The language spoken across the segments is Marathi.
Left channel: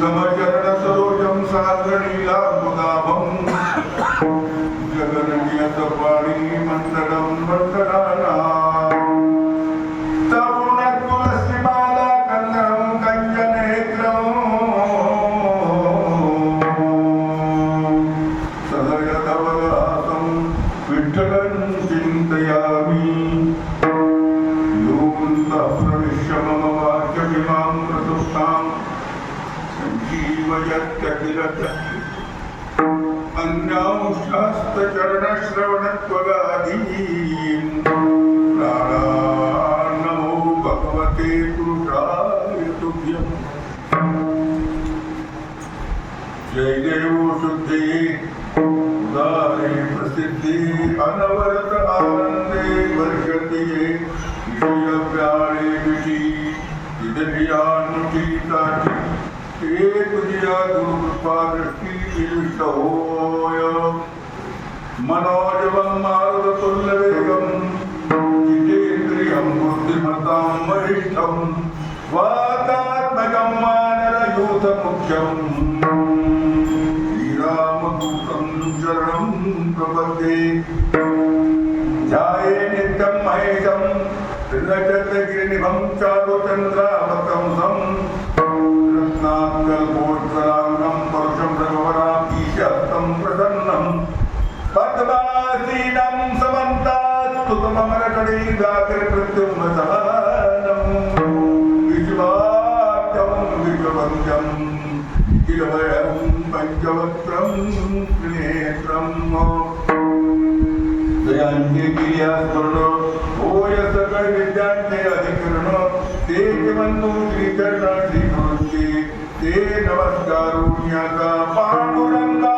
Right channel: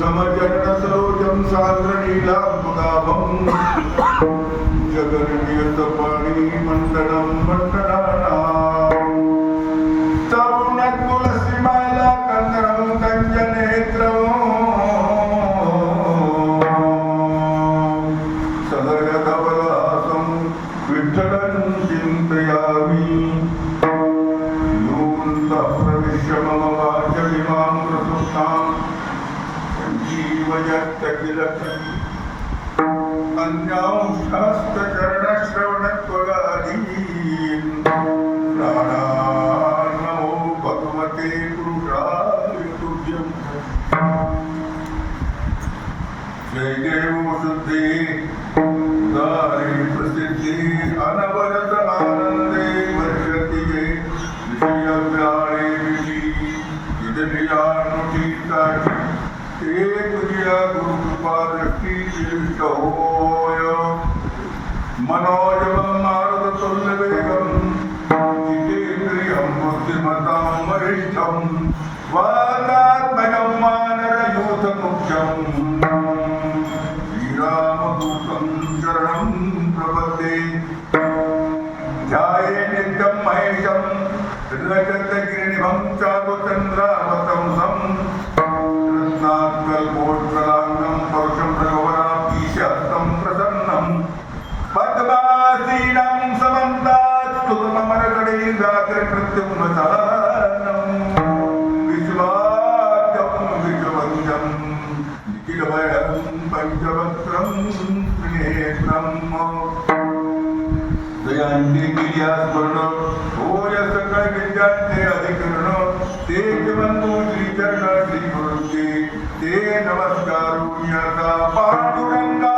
समचरण सरोजम सागरनीलामुदाभम जगन्यत पाणी मंडलम मंडलाना तरुण तुलसीमाला कंदरम कंजनेत्रम सदय धवलहासम विठ्ठलं चिन्तयामि प्रविश्य मम वाचमिमामृतुष्टां सञ्जीवयत्यखिलशक्ति अन्यांशास्तचरणश्रवणत्वगादीन् प्राणान् नमो भगवते पुरुषाय तुभ्यम् जय देवो शुद्धे उदारे प्रसिद्धे अनवरत आनंदे वर्षति ये विषयव्याळे विषी विदनियानुठीताची ते तुझ्या गुरुकृपादृष्टी विशिष्ट होय मनोजवं मारुततुल्यवेगं जितेन्द्रियं बुद्धिमतां वरिष्ठं वातात्मकं वानरयूथमुख्यं श्रीरामदूतं शरणं प्रपद्ये ध्याये नित्यं महेशं त्रिनक्षत्रगिरिनिभं चारुचन्द्रावतंसं रत्नाकल्पोज्ज्वलाङ्गं परुषं रघुवराभीशहस्तं प्रसन्नं पद्मासीनं समन्तात्स्तुतमरकणैर्व्याघ्रकृत्युम्नसानं विश्वाख्यं विश्ववन्द्यं निखिलभयं पञ्चवक्त्रं त्रिनेत्रं दयांचे गिर्यास्मरण होय सकळ विद्यांचे अधिकरण ते बंधू श्रीचरण श्री गुरुंचे ते नमस्कारुण्याचा पांडुरंगा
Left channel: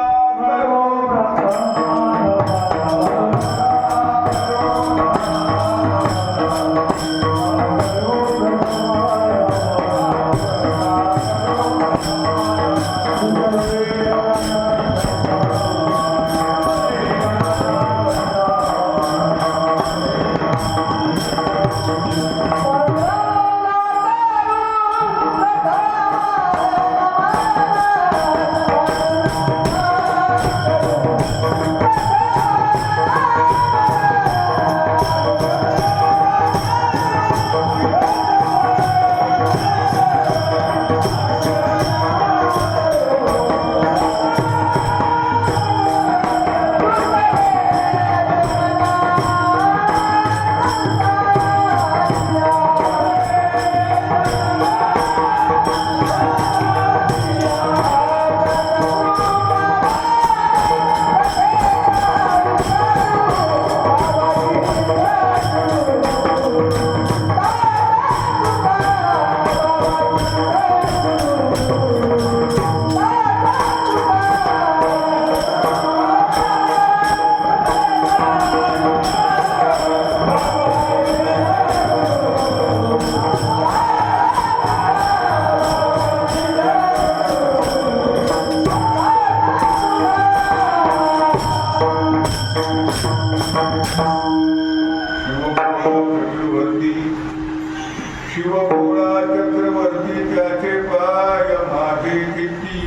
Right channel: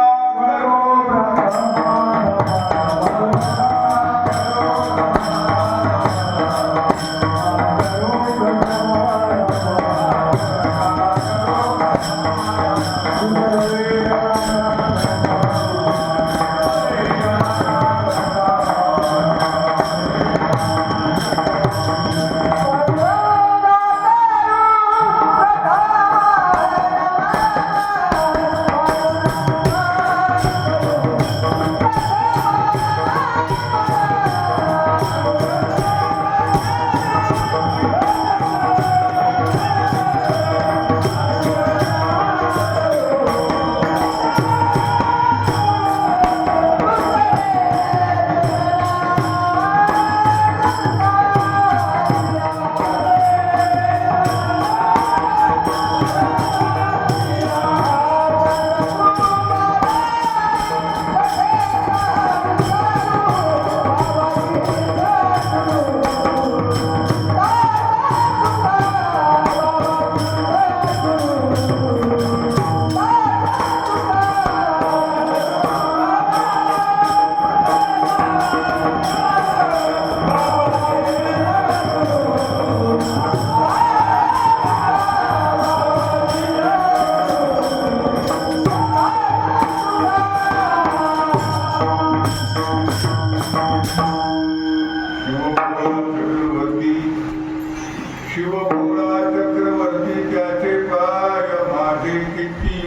शिवभोळा चक्रवर्ती त्याचे पाय माझे किती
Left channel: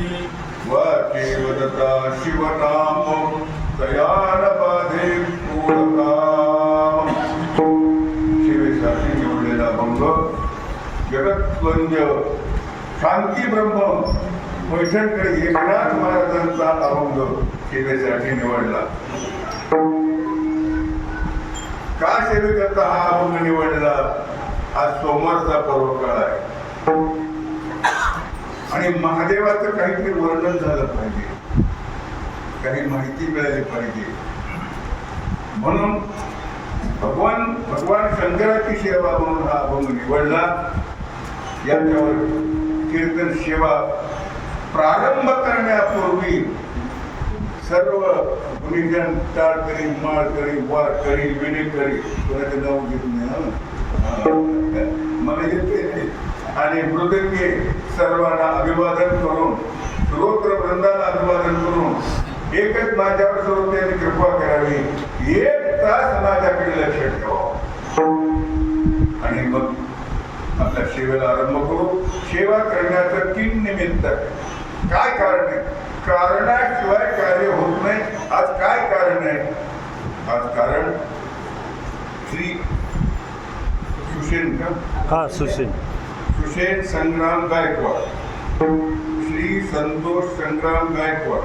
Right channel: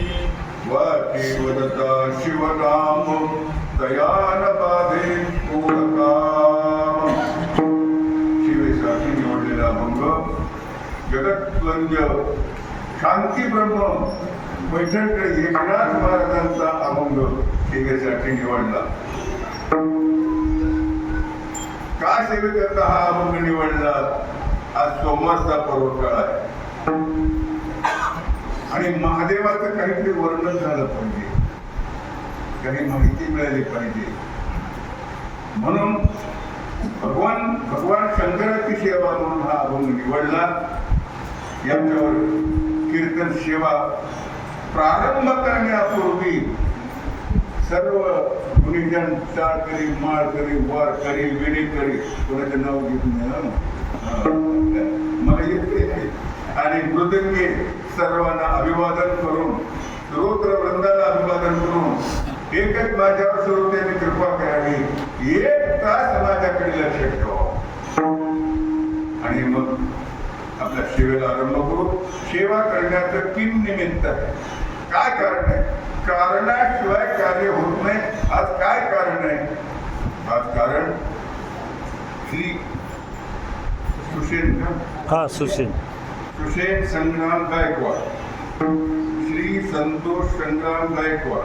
वाचे वदता शिवनाम दयान बाधे पूर्णकाम शिवेसाठी निवडलेला अभंग जगत्वंद्य शांती ब्रह्म पैठणकडे एकनाथ महाराजांचा अभंग शिवेसाठी निवडला. का सेवेकरता हा अभंग निवडला? आज सोमवारचा पर्वकाळ आहे आणि महादेवाचं काहीतरी वर्णन झालं पाहिजे, काही माहिती मिळाली पाहिजे, म्हणून भगवान शंकराची सेवा म्हणून हा अभंग निवडला. याच्यावर कीर्तन सेवा प्रारंभ करण्यापूर्वी सर्व गुणीजन टाळ करी, माळ करी, वार करी, विणे करी, कोणाचं नाव घेत नाही मला येते आणि मृदंगे सर्वांना अभिवादन करून श्रोत्र वृंदाला अभिवादन करून एकच माझ्यावर श्रोत्यांनी कृपा करावी, एक तास माझ्याकडे लक्ष ठेवा आणि मग आपल्या सेवेला आरंभ करू. सेवा करण्याचं किन निमित्त आहे, काय कारण आहे? कारणाशिवाय कार्य होत नाही. आज काय कारण आहे? आज कारण श्री सुषेण संग्राम गायकवाड, श्री संतोष संग्राम गायकवाड,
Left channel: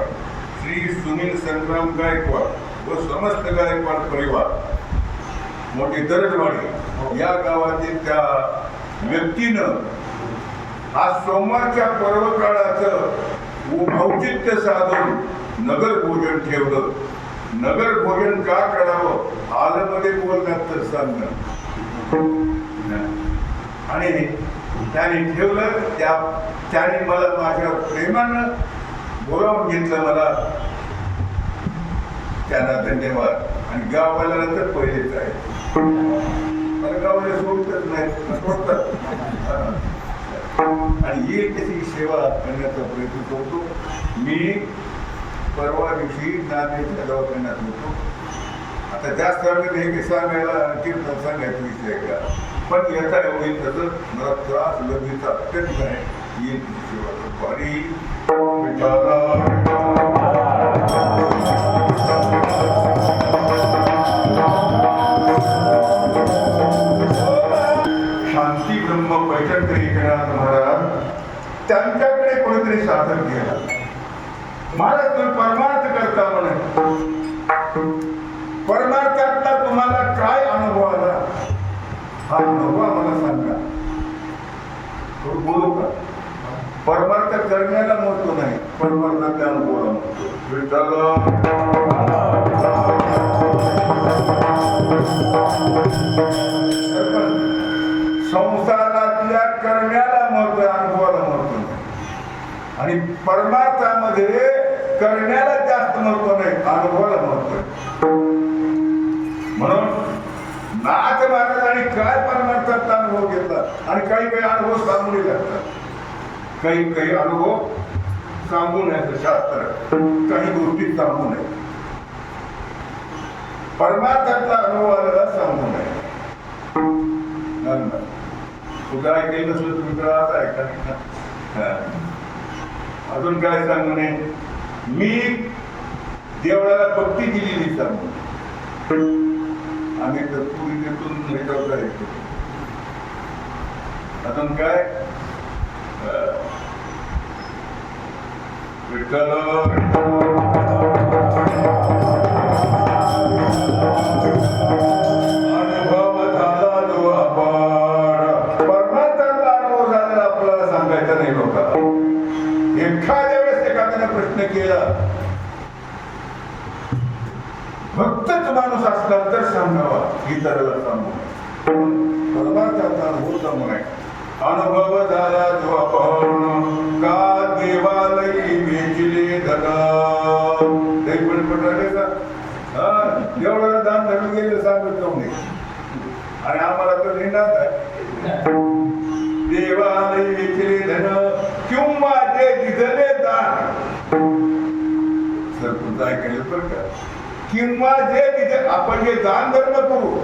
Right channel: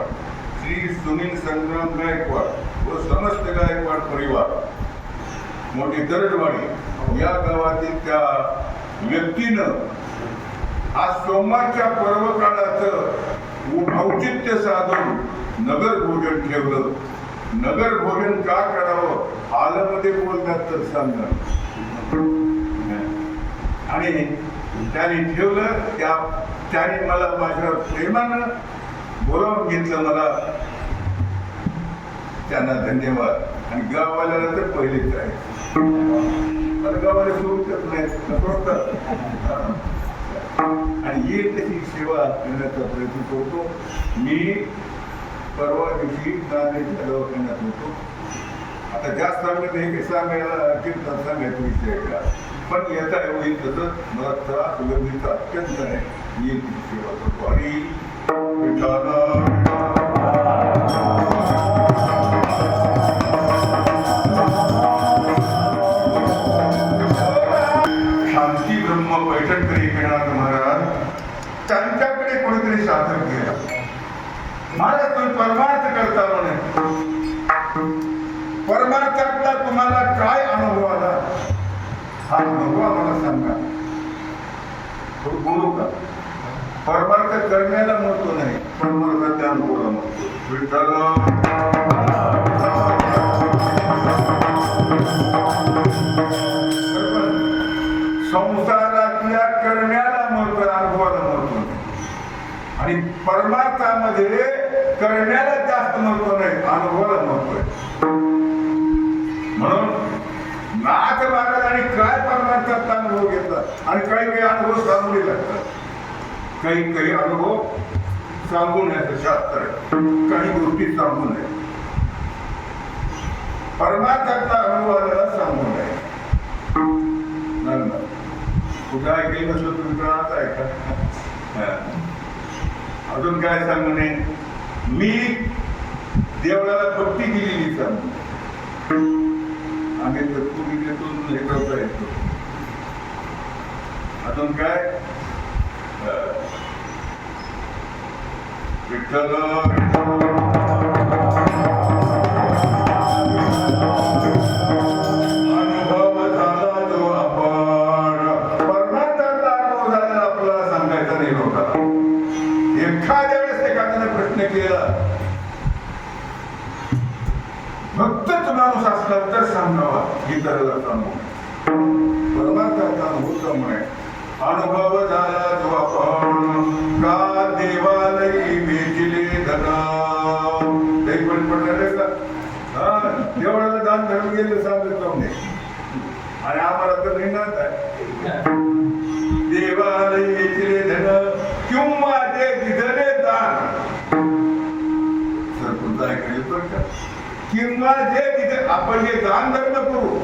श्री सुनील संग्राम गायकवाड व समस्त गायकवाड परिवार मोठी दरडवाडी या गावातील त्या व्यक्तीनं आज सोमवारच्या पर्व काळाचं औचित्य साधून नगर भोजन ठेवलं. नगर भोजन का करावं हालमध्ये बोलतात तर सांग. आणि त्याने ठेवलं, त्याने मला माझ्या प्रेमानं बोलावून घेतलं. मला त्यांना धन्यवाद. आणि गाववाल्याला तर पहिलेच आहे, मला गावाला सोडतच नाही, सोडतात. आणि येईल त्याची सेवा करण्याचा प्रयत्न करतो. मी परवा दिवशी नांदेडच्या दवाखान्यात होतो. आता जास्त सांगत हे सांगायला कीर्तन सांगायचा विषय का, पण याचा होईल तसं मला त्रास लग्नीचा अत्यंत आहे. येईल त्याची सेवा करतो. आणि शांती ब्रह्म पैठणकर एकनाथ महाराज त्यांच्याकडे कोणीतरी सादर केला. महाराज तुम्ही परमार्थ करता म्हणे, परमार्थातला तुम्हाला काय अनुभव आला हा अनुभव आम्हाला सांगा. बोलू का? परमार्थ करण्याला महत्व नाही, परमार्थाच्या अनुभवाला महत्व. संसारातल्या करण्याला महत्व, अनुभवाला महत्व नाही. आणि परमार्थामध्ये करण्याला जास्त महत्व नाही, अनुभवाला महत्व आहे. म्हणून नाथ महाराजांनी काय परमार्थाचा अनुभव घेतला आणि काही काही अनुभव सांगून लागतात. काही अनुभव सांगून याचं शास्त्र आहे, काही गोष्टी सांगून आहे. परमार्थाचा अनुभव आलेला सांगून आहे. कुठं ऐकलं नसलं तुम्ही तर आता ऐका. अजून काय सांगू नये? मी देवळाला पट्टी दिलेली सांगू. आम्ही तर पूर्वीतून हे करता येतो. अजून काय? विठ्ठल अनुभव झाला जो अपार. परमार्थाचा अनुभव झालेला आपल्याला सांगायचा नाही लोकांना. एखाद्या वेळेस एखाद्याने प्रश्न केला, भक्तच माणूस असला तर सांगावा, इतराला सांगू नये. परमार्थाचा अनुभव सांगू नये. अनुभव झाला जो आपण का देवालयी वेचले धना. ते पण पडले का? देवळाला दान धरून गेले सांगत जाऊ नये. आणि आम्हाला तर निनाद आहे, देवालयी वेचले धन किंवा जे दिधले दान. सर तुमचं ऐकायला बरं का? किंवा जे तिथे आपण जे दान धर्म करू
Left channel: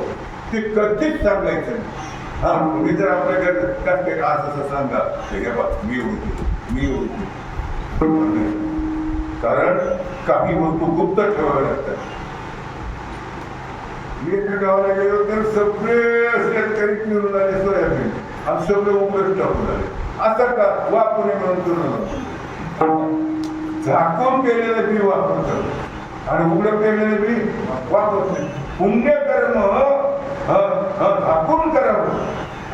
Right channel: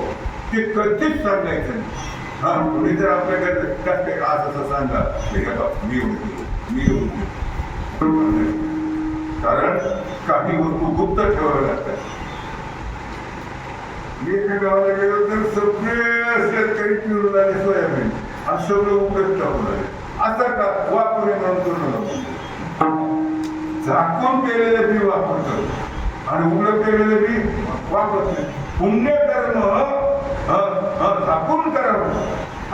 ते कधीच सांगायचं नाही. हा कोणी जर आपल्याकडे असं सांगा मी येऊ, कारण काही वस्तू गुप्त ठेवाव्या लागतात. मी एका गावाला गेलो तर सगळे शेतकरी पिरून आले सोयाबीन आणि सगळे उघडच टाकून आले. असं का? वापरे म्हणून झाकून केलेलं बी वापरतो आणि उघड केलेलं बी वापरत नाही. पुण्यकर्म झाकून करावं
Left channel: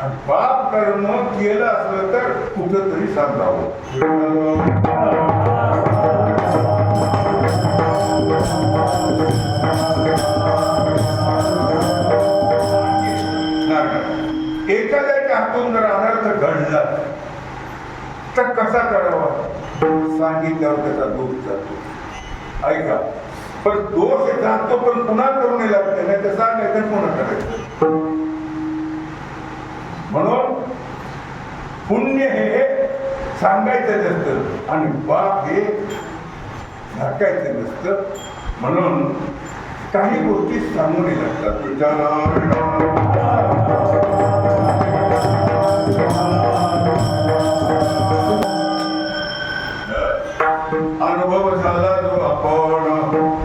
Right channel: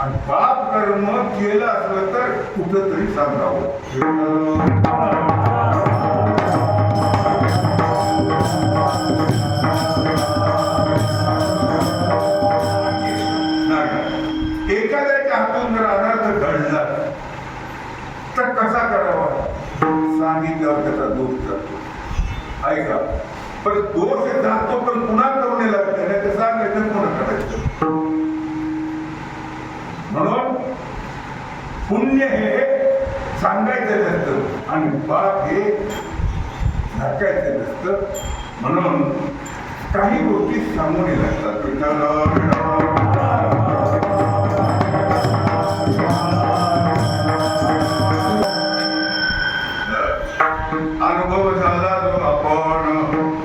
आणि पाप कर्म केलं असलं तर कुठंतरी सांगावं. एखाद्याच्या हातून जर अनर्थ घडला तर कसा करावा? सांगितल्यावर त्याचा दोष जातो. ऐका, पण दोष जातो पण पुन्हा करून लागते नाही तर सांगायचं पुन्हा करायचं. म्हणून पुण्य हे सांगायचं नसतं आणि पाप हे झाकायचं नसतं. म्हणून काही गोष्टी सांगून लागतात. अनुभव झाला जो आपण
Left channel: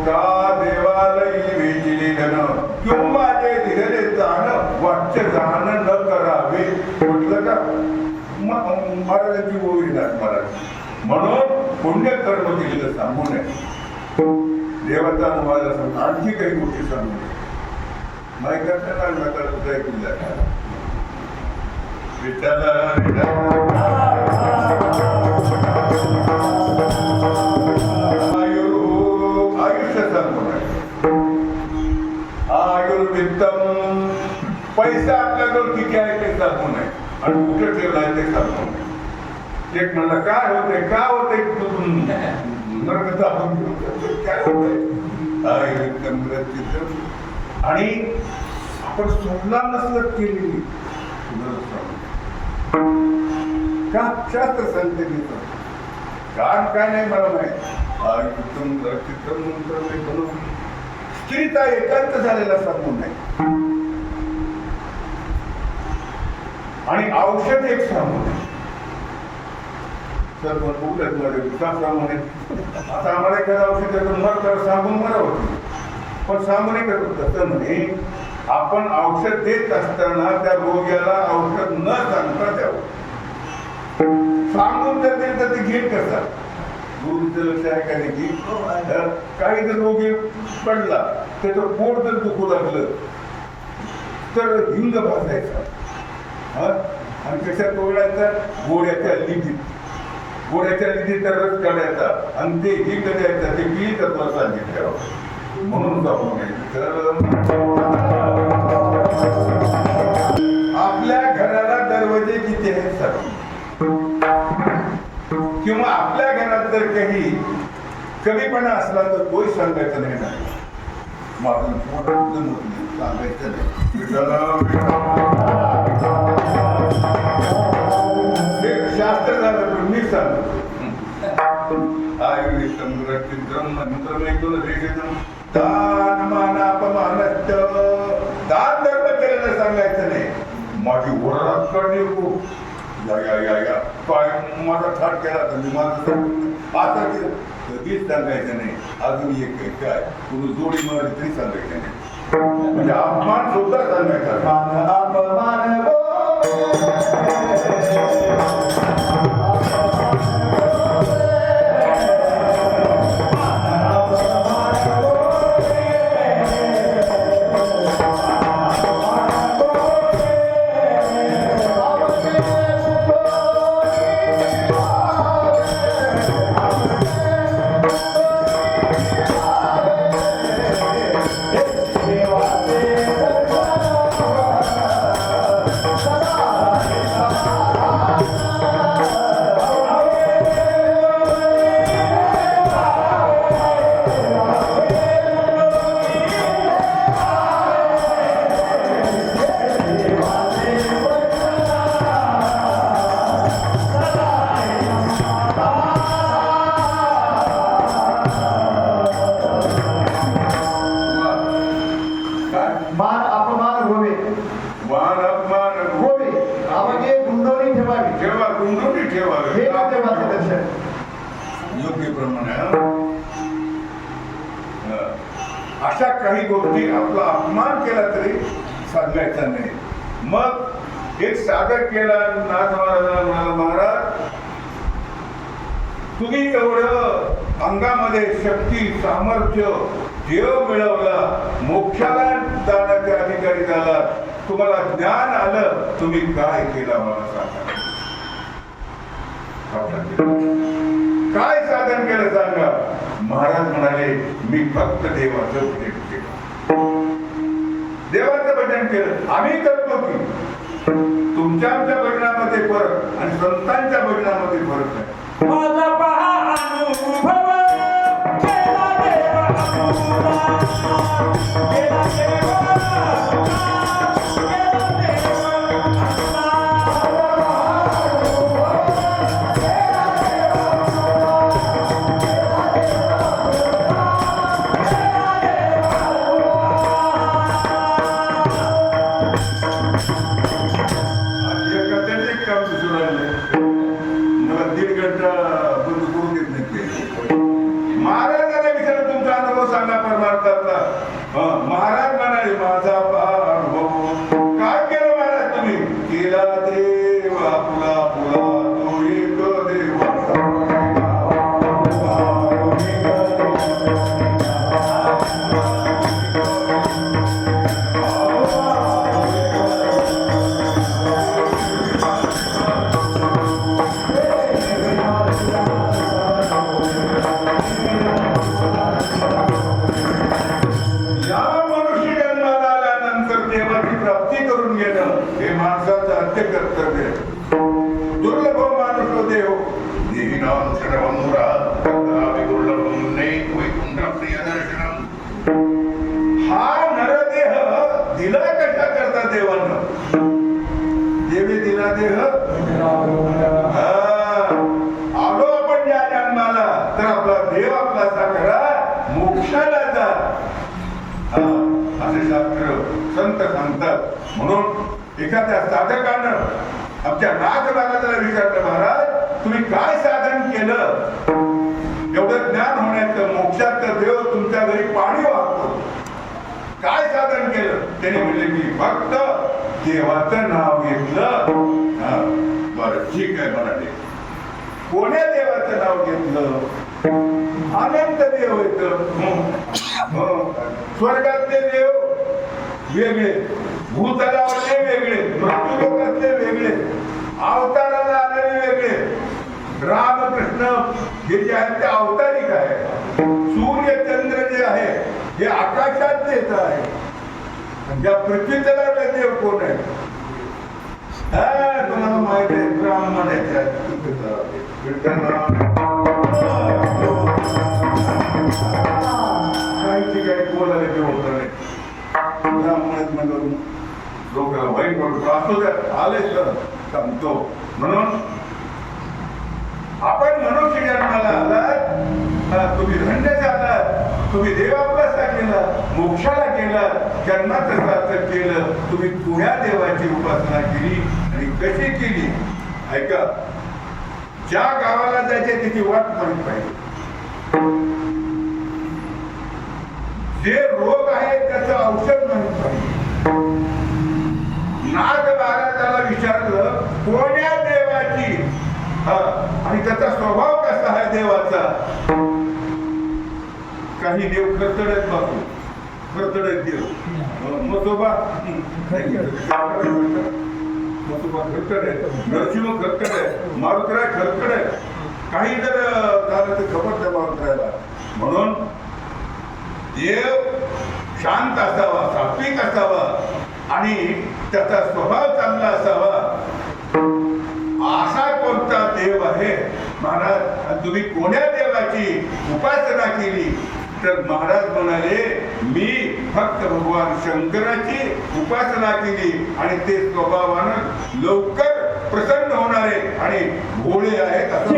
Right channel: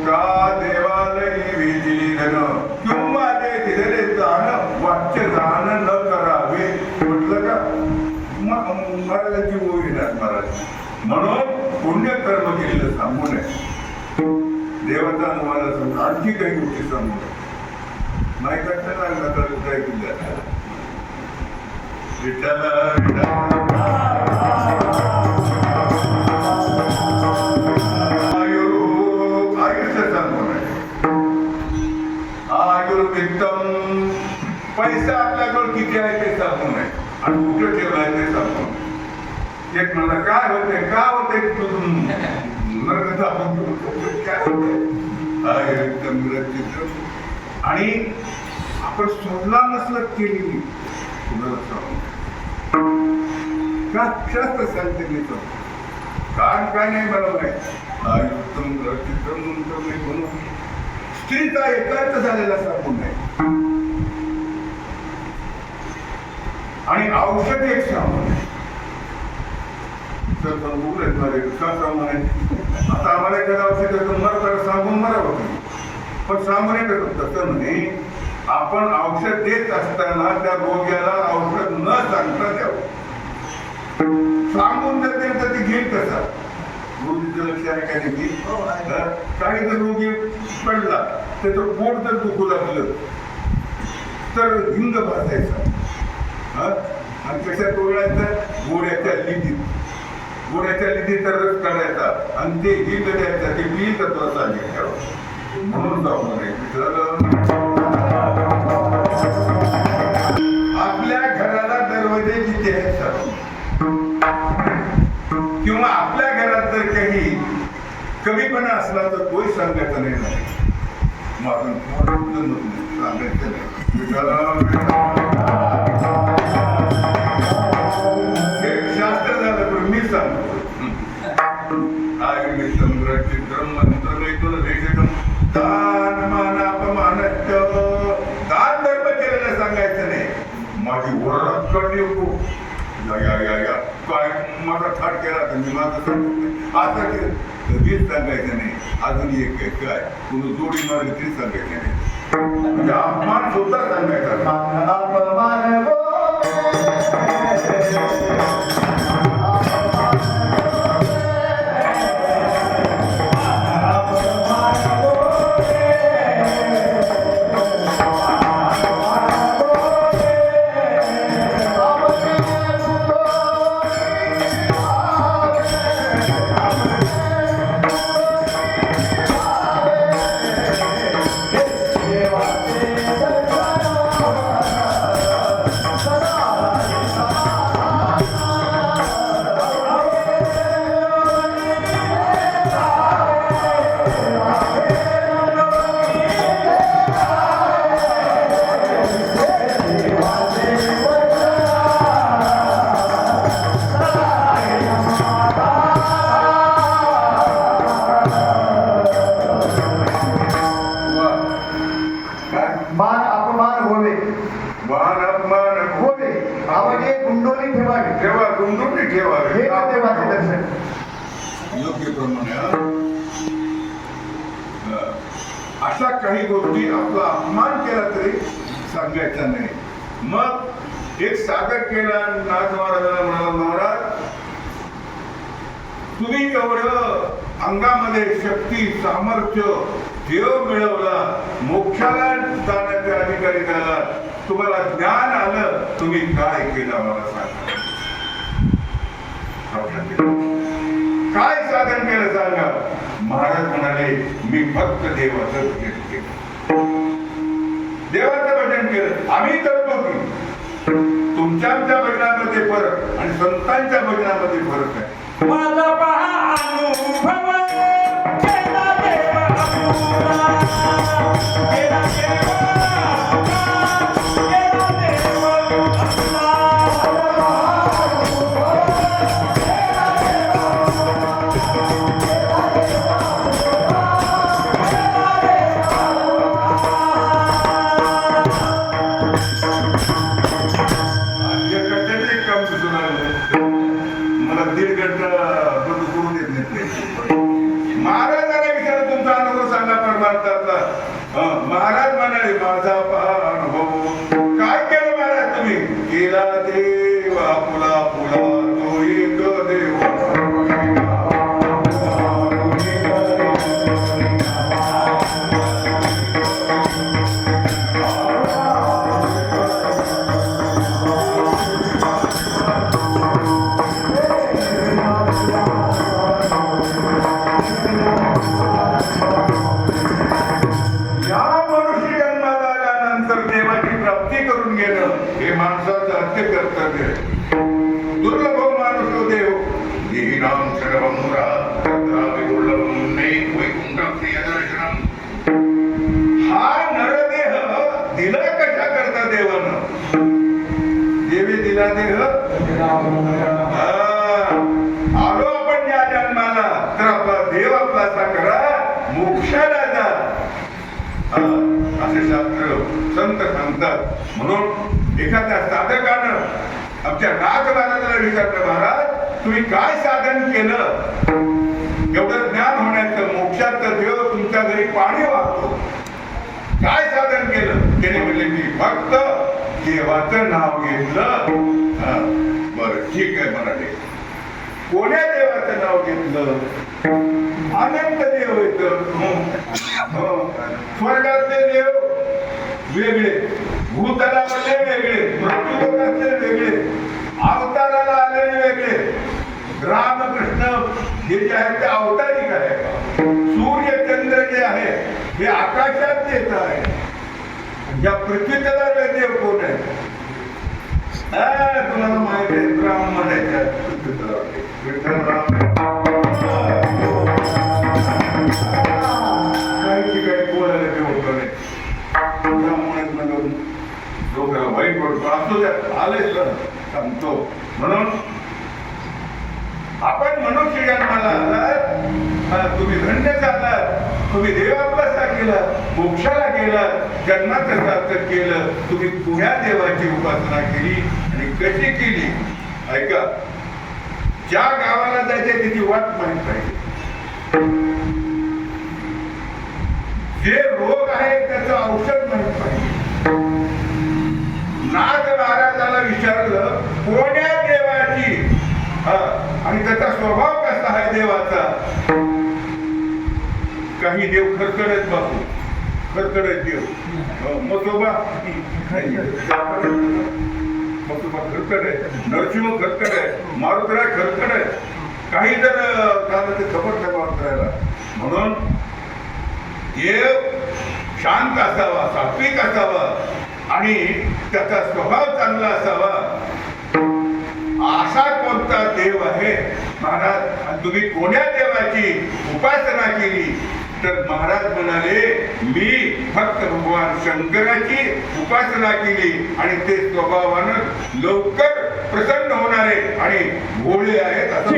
का देवालयी वेचिली धन किंवा ते दिलेले जाण वाच्य जाण न करावे म्हटलं का महाराजांची ओवी ना महाराज म्हणून पुण्यकर्म केलेलं सांगू नये देवाचा तुम्हाला सांगू आणखी काही गोष्टी सांगू नये माहिती लागला तर उदय किल्ला आयुष्य सांगू नये आयुर्वेदम पैसा आपल्याजवळ किती आहे ते सांगू नये आणि कुठे ठेवलाय ते सांगू नये एक म्हणलं काय होते का होते काय होते आणि आपण स्वतःला नसलं केलेली का शास्त्र सांगते घेतो काय नाही मला माहित स्त्रीचा एकांत झालेला सांगून नाही आणि औषध एक सांगू नये तर प्रमाणे आता आम्हाला एखादं औषध मर सांगून मरावं पण सांगू नये करतो तसं नाही आपण औषध देत असताना त्या रोग्याला औषध न सांगता द्यावं सांगून जर दिलं तर ते घेईल कसा गुरुजीचं लक्ष आहे का नाही काही जर रोगी पडला त्याचं पोट जर दुखू लागलं तर हिंग भाजायचा आणि कशात तोडायचं गोड्याच्या लिदीचा रस काढायचा आणि ते हिंग द्यायचा ते बी तत्वाचा ठेवा म्हणून जाऊ आपल्या घराला दरवाजे किती आहेत किंवा आपल्या घरात जर काही कमीपणा असला तर तोही सांगायचा नाही माझं सांगायचं नाही शास्त्र झालं पण मी सांगतो दान धर्म केलेलं सांगायचं नाही माझी ओरड काढली काय माझा ठार केला तर मी माझं आता कधीच सांगायचं नाही अजून एक काय कुणी जोडी मारली तरी सांगायचं नाही म्हणजे अपमान सुद्धा सांगायचा योग्य प्रमाणे अशा काही गोष्टी आपला अपमान केला तरी सांगायचा नाही मग एक सागर केला नाथ महाराजांना महाराज तुम्ही एवढं अंगामध्ये शक्ती सामर्थ्य देव मिळवला मोक्षाला जाण्याच्या अधिकारी झाला तुम्हाला ज्ञान आलं तुम्ही काय केलं मला सांगा काय साधन केलं सांगा महाराज म्हणाले मी फक्त देवाचं भजन केलं देवाचं भजन केलं आम्ही करतो की तुमच्या आमच्या भजनामध्ये फरक आणि संतांच्या भजनामध्ये फरक आहे माझा पहा अनुभव केला देवा केला देवा अक्षरबंधुरा वैकुंठप्रियदर्शनम. हा नरदेह दिला कशा करता देवानं? देवी दिला देह. आलो आपण या जन्माला तर आपला देव आपला करा, मोक्षाला जा असे शास्त्र संत सांगतात. म्हणून एखाद्या साधकानं आमच्या नाथ महाराजाला विचारलं, महाराज तुम्ही काय साधन केलं एवढं ज्ञान होण्याचं, मोक्षाचं देव तुमच्या घरी पाणी वाहतो, काय साधन केलं? त्याने म्हणले मी फक्त देवाचं नाव घेतलं. बरं ठीक आहे म्हणाले. कोण्या देवाचं नाव घेतलं? अनंत देव येत. स्वर्गातले देव वेगळे, भूतलावरले वेगळे, मृत्यूलोकातले वेगळे, अवताराला आलेले वेगळे. रामकृष्ण हे जे आहेत ते अवतारिक आहे. सूर्य चंद्र जे आहे हे आकाशात येत आहे. या पृथ्वीतला देव कोण आहे? तुम्हाला माहिती आहे, ब्राह्मण आहे. काही ठिकाणी बोलायला ते होत नाही. त्यामुळे म्हणून लोकांना वाईट वाटतो. असू द्या, आलेच तर सांगतो. म्हणून आपण मनुष्य जन्माला आलात, तुम्ही धन्य झालात, तुम्ही देवापासा केला, मोक्षाला गेला, जन्माचं सार्थक केलं. तुम्ही पुण्या देवाची उपासना केली आणि कशी केली? ऐका, ज्या गावाला जायचे त्याची वाट माहित पाहिजे. जे रोग आहे त्याचं औषध माहित पाहिजे. नाथ महाराजाला विचारलं कोण्या देवाची, आणि त्याचा स्वभाव कसा आहे देवाचा? काही देव खरखडत बापू, खरखडत देव. मसोबा खरखड आहे, नरसिंह खरखड आहे, मारुतराय खरखड आहे. काही जर झालं ते खबर त्या मारुतरायला. म्हणून देव शांत असावा, सात्विक असावा आणि त्याचा स्वभाव चांगला असावा. असा कोणता देव आहे महाराज? तुम्ही कोण्या देवाची उपासना केली? तर महाराज म्हणाले मी फक्त भगवान शंकराची उपासना केली आणि ते स्वभावानं लवकर प्रसन्न होणारे आणि भोळे आहेत असं.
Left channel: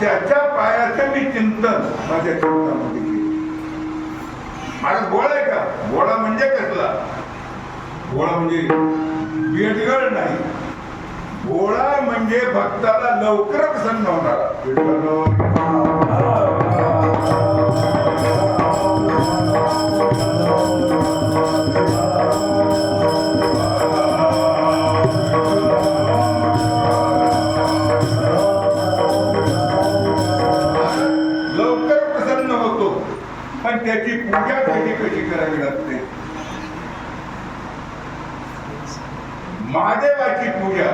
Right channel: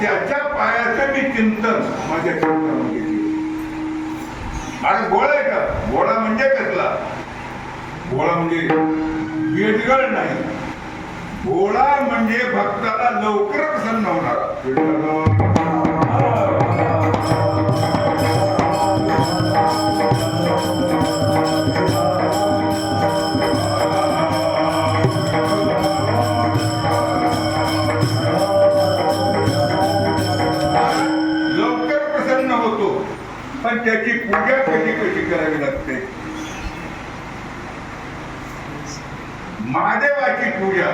त्याच्या पायाचं मी चिंतन माझ्या चिंतनामध्ये मला गोळा आहे का? गोळा म्हणजे कसला? गोळा म्हणजे बेडगड नाही. गोळा म्हणजे भक्ताला लवकर प्रसन्न होणारा. पण त्याची पूजा कशी करावी लागते महादेवाची पूजा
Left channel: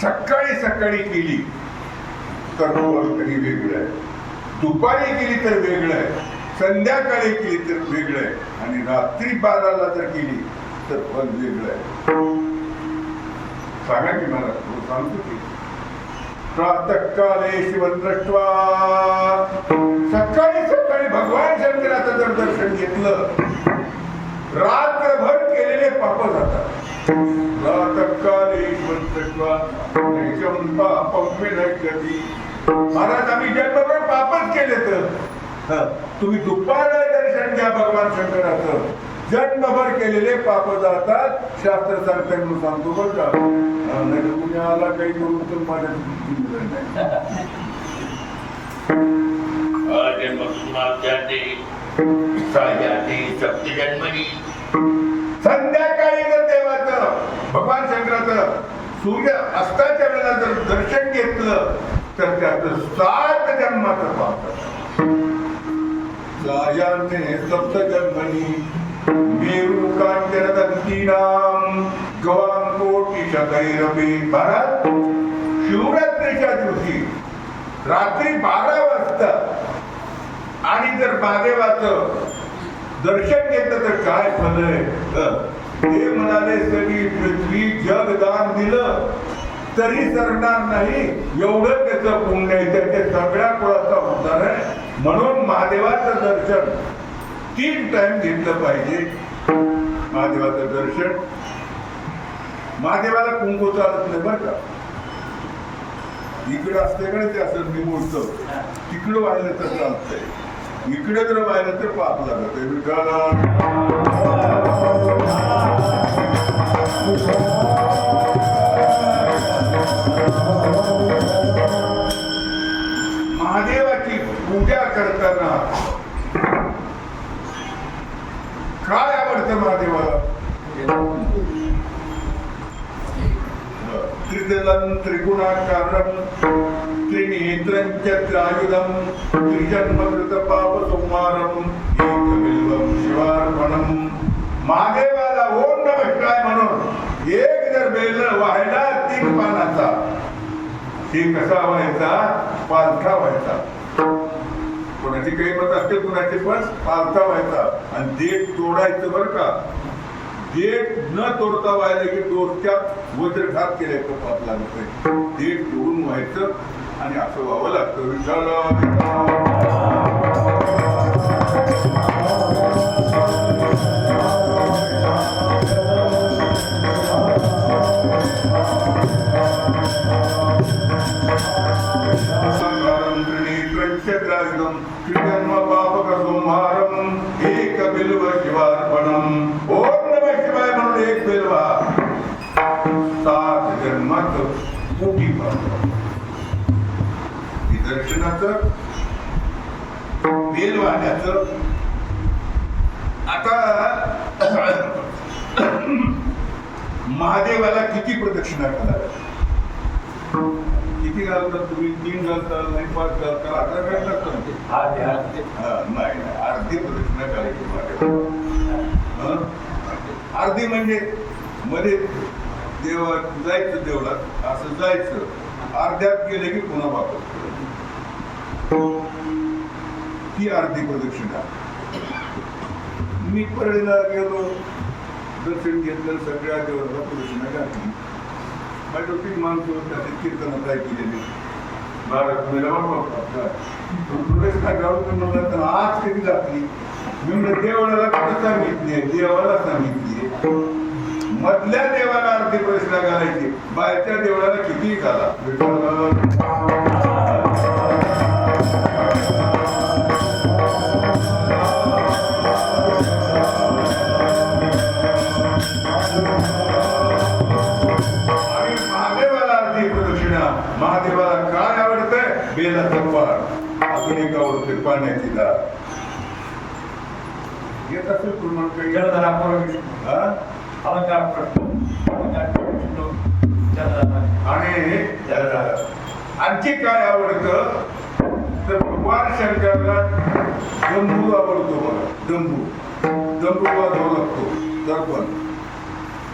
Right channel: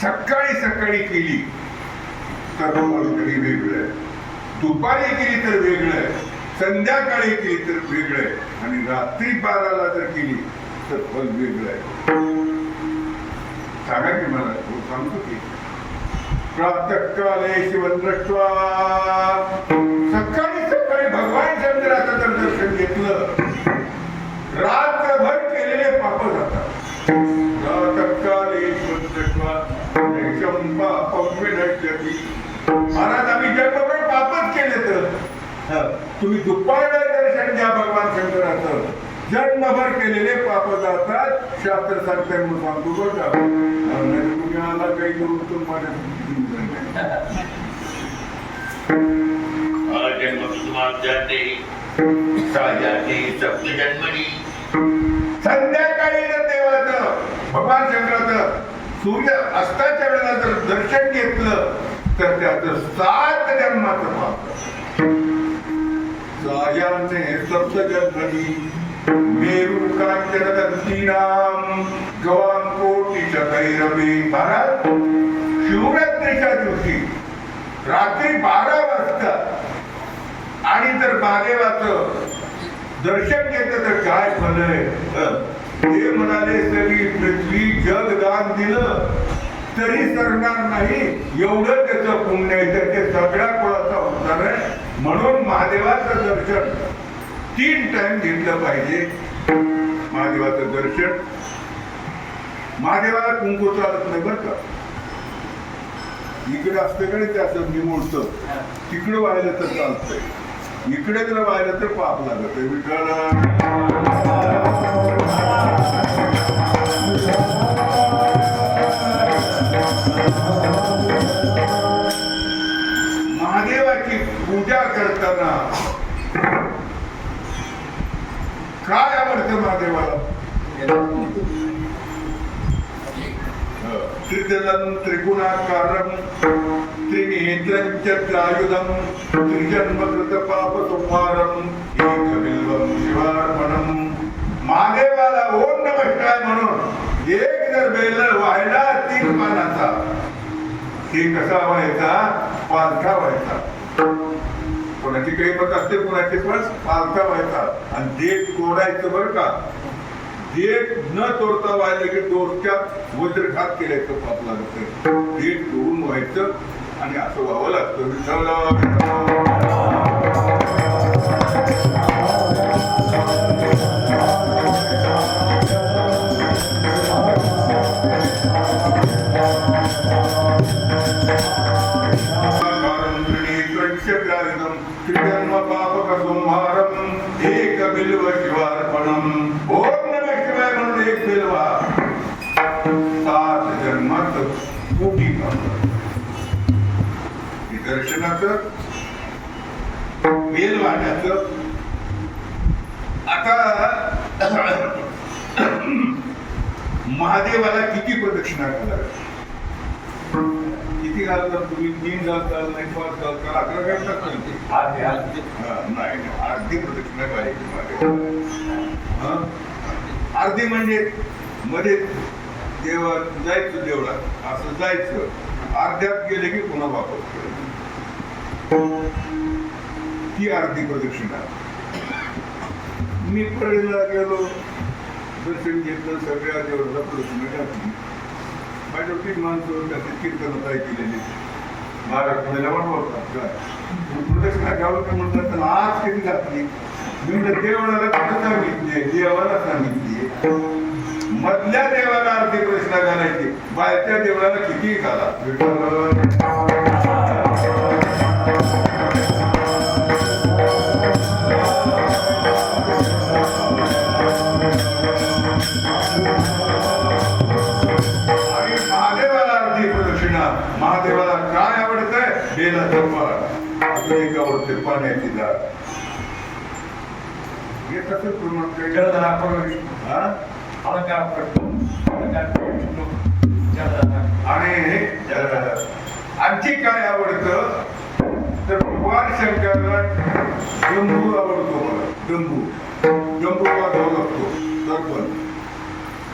सकाळी सकाळी केली तर कधी वेगळं, दुपारी केली तर वेगळं, संध्याकाळी केली तर वेगळं, आणि रात्री 12ला जर केली तर फल वेगळं आहे. सांगा की मला, तो सांगतो की प्रातःकाले शिवं दृष्ट्वा, सकाळी सकाळी भगवान चंद्राचं जर दर्शन घेतलं, रात्रभर केलेले पाप जातात. प्रातःकाले शिवं दृष्ट्वा निशं पापं विनश्यति. महाराज, आम्ही जन्मभर पापच केले तर तुम्ही दुपारला दर्शन घ्या भगवान शंकराचं, जन्मभर केलेले पाप जातात. शास्त्र सांगताय म्हणून सांगतो बरं का, कुणी आला काही करून तर माझ्या संध्याकाळी जर देवाचं भगवान शंकराचं सूर्य अस्ताच्या वेळेला जर दर्शन घेतलं तर त्याचं 7 जन्माचं पाप. सायाने सप्त जन्मनी मेरू कांचन दंतीनाम गवाम कोटी शकैरवी. महाराज, शिवरात्रीच्या दिवशी रात्री 12 वाजता आणि जर महादेवाचं दर्शन घेतलं तर काय फल आहे. ते म्हणाले, सगळी पृथ्वी जग दान दिलं तरी सरणार नाही, एवढं त्याचं पुण्य आहे, त्याच्या सगळ्या कुळाचा उद्धार आहे. म्हणून महादेवाचं दर्शन 3 टाइम घेतलं पाहिजे. महादेवाचं दर्शन, महादेवाला कुंकू चालत नाही बरं का. इकडे असते का ते असं निमुळतं, तिकडं व्हायला तर चालतंय, इकडे जर व्हायला तर पाप लागत आहे. महादेवाची पूजा करताना काय आवडतं महादेवाला? त्रिदलं त्रिगुणाकारं त्रिनेत्रं च त्रायुधं त्रिजन्मकृत पापसंहारं एकबिल्वं शिवार्पणं. महादेवाला ओम नमः शिवाय म्हणून एक जर बेल व्हायला 3 पानाचा, ते कसा व्हायचा? पालखा व्हायचा. कोणाची काही पद असते, कोणाचे पण पालखा व्हायचा. आणि देठ तोडायचं बरं का, देठ न तोडता व्हायला की डोक्यात वज्रघात केल्याचं पाप लागत आहे. देठ तोडून व्हायचं आणि असं व्हावं लागतं. त्रिजन्म पापक संहारम एक बिल्व शिवार्पणम. ओम नमः शिवाय म्हणून एक बिल्वा 7 जन्मात मोठी पाप. दर्शनाचं, बेल वाहण्याचं. आता महादेवाला किती प्रदक्षिणा घालाव्या? किती घालतात तुम्ही? 3 घालताल, नाही 5 घालताल, 11 घालतात नाही, अर्धी प्रदक्षिणा करायची महादेवाला. अर्धी म्हणजे मध्ये देवा जायचं, देवळात असं जायचं, अर्ध्यात गेले की पुन्हा वापस. ती अर्धी प्रदक्षिणा. मी परळीला गेलो, दर्शन घेतलं, सगळ्या देवाला प्रदक्षिणा घातली. माझ्या माणसं त्याचे कीर्तन काय केलेले प्रदक्षिणा गावचं म्हणलं तर आज कधी घातली. मी म्हणलं देवाला कुठं सांगितली? देवाला सांगितली. मधल्या देवाला अर्धी प्रदक्षिणा घालायची, बाहेरच्या देवाला किती घाला. महादेवाला काय आवडतंय? बेलाचं पान. अजून एक आवडते पाण्याची दार. येत असेल प्रमाण काही आणि आणखी काय आवडतं तर भगवान शंकराला डंबू आवडतो. मला डंबू डमरू वाजवावा लागतो सरपंच.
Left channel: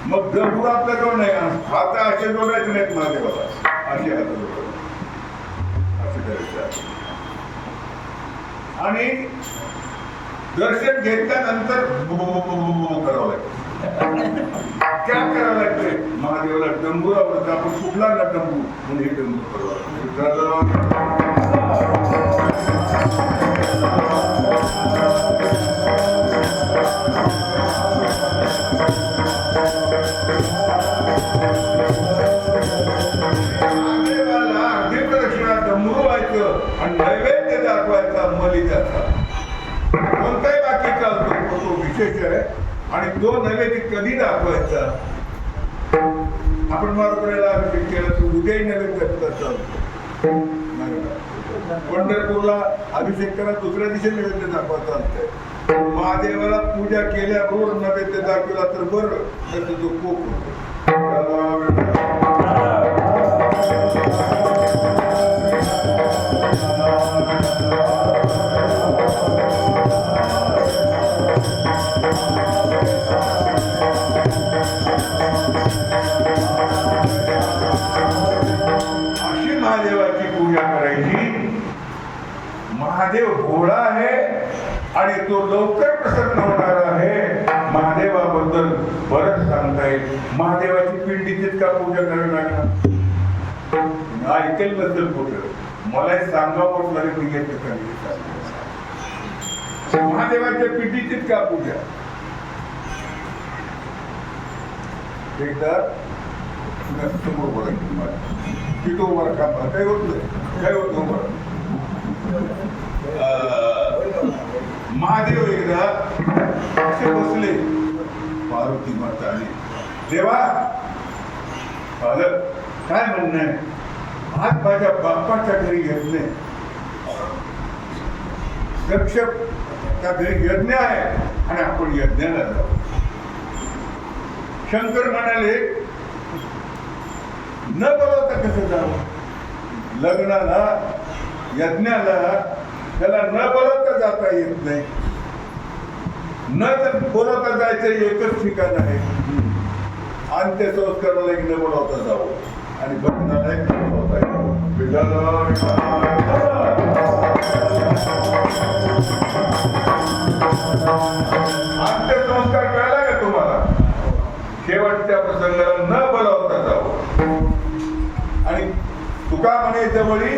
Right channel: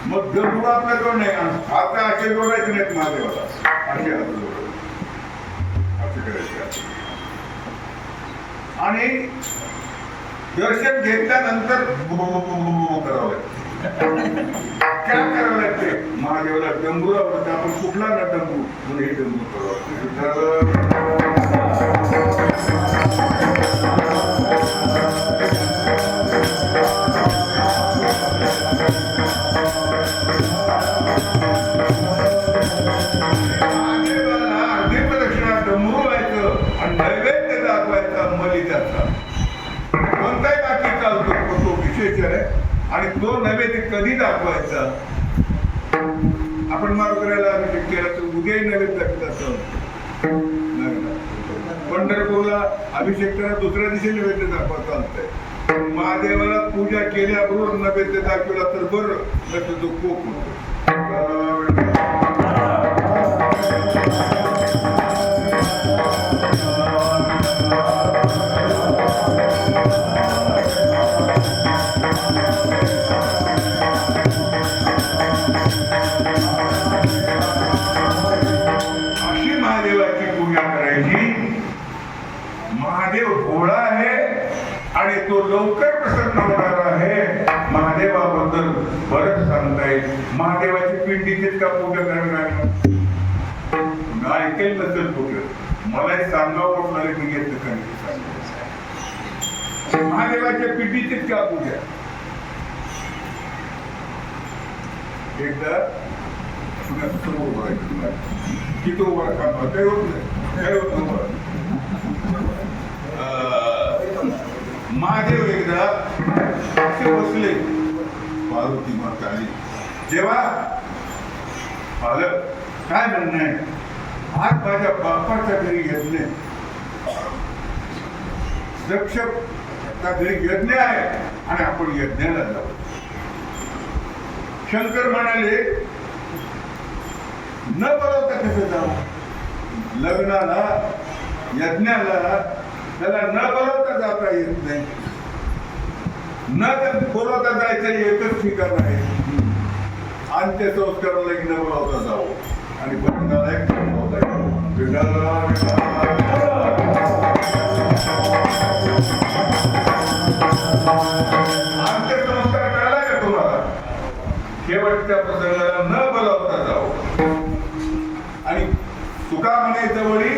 मग डमरू आपल्याजवळ नाही, हात असे जोडायचे नाहीत महादेवाला, असे हात जोडायचे, असे करायचे. आणि दर्शन घेतल्यानंतर करावं लागतं. काय करावं लागते? महादेवाला डमरू आवडतं, आपण कुठला ना डमरू म्हणून हे डमरू करावं. डमरू व्हायचं आणि नैवेद्य दाखवायचा मलिदाचा. कोणताही बाकी चालतो, तो विशेष आहे. आणि तो नैवेद्य कधी दाखवायचा? आपण मारुतीला अभिषेक केला तर उद्याही नैवेद्य दाखवायचा. पंढरपूरला अभिषेक करा, दुसऱ्या दिवशी नैवेद्य दाखवा चालतंय. महादेवाला पूजा केल्याबरोबर नैवेद्य दाखवला तर बरं, तर तो कोप होतो. अशी महादेवाची पूजा करायची. महादेव भोळा आहे आणि तो लवकर प्रसन्न होणार आहे. महादेवाबद्दल बरंच सांगता येईल. महादेवाची पिंडीचीच का पूजा करावी लागणार? ऐकेल नसेल कुठं, मलाही सांगावं लागेल. मी येत महादेवाच्या पिंडीचीच का पूजा? एकदा समोर बोलायचं की तो वर काम काही होत नाही, काही होत नव्हतं. महादेव एकदा असे बसले, पार्वती माता आली. देवा, काय म्हणणं आहे? आज माझ्या बाप्पाच्या घरी यज्ञ, दक्ष त्या घरी यज्ञ आहे आणि आपण यज्ञाला जाऊ. शंकर म्हणाले, न बोलवता कसं जाऊ? लग्नाला, यज्ञाला त्याला न बोलवता जाता येत नाही. न बोलवता जायचं एकच ठिकाण आहे, अंत्यसंस्काराला न बोलवता जाऊ आणि बंधनाला अंत्यसंस्कार कळला का तुम्हाला? शेवटच्या प्रसंगाला न बोलावता जाऊ. आणि तुका म्हणे जवळी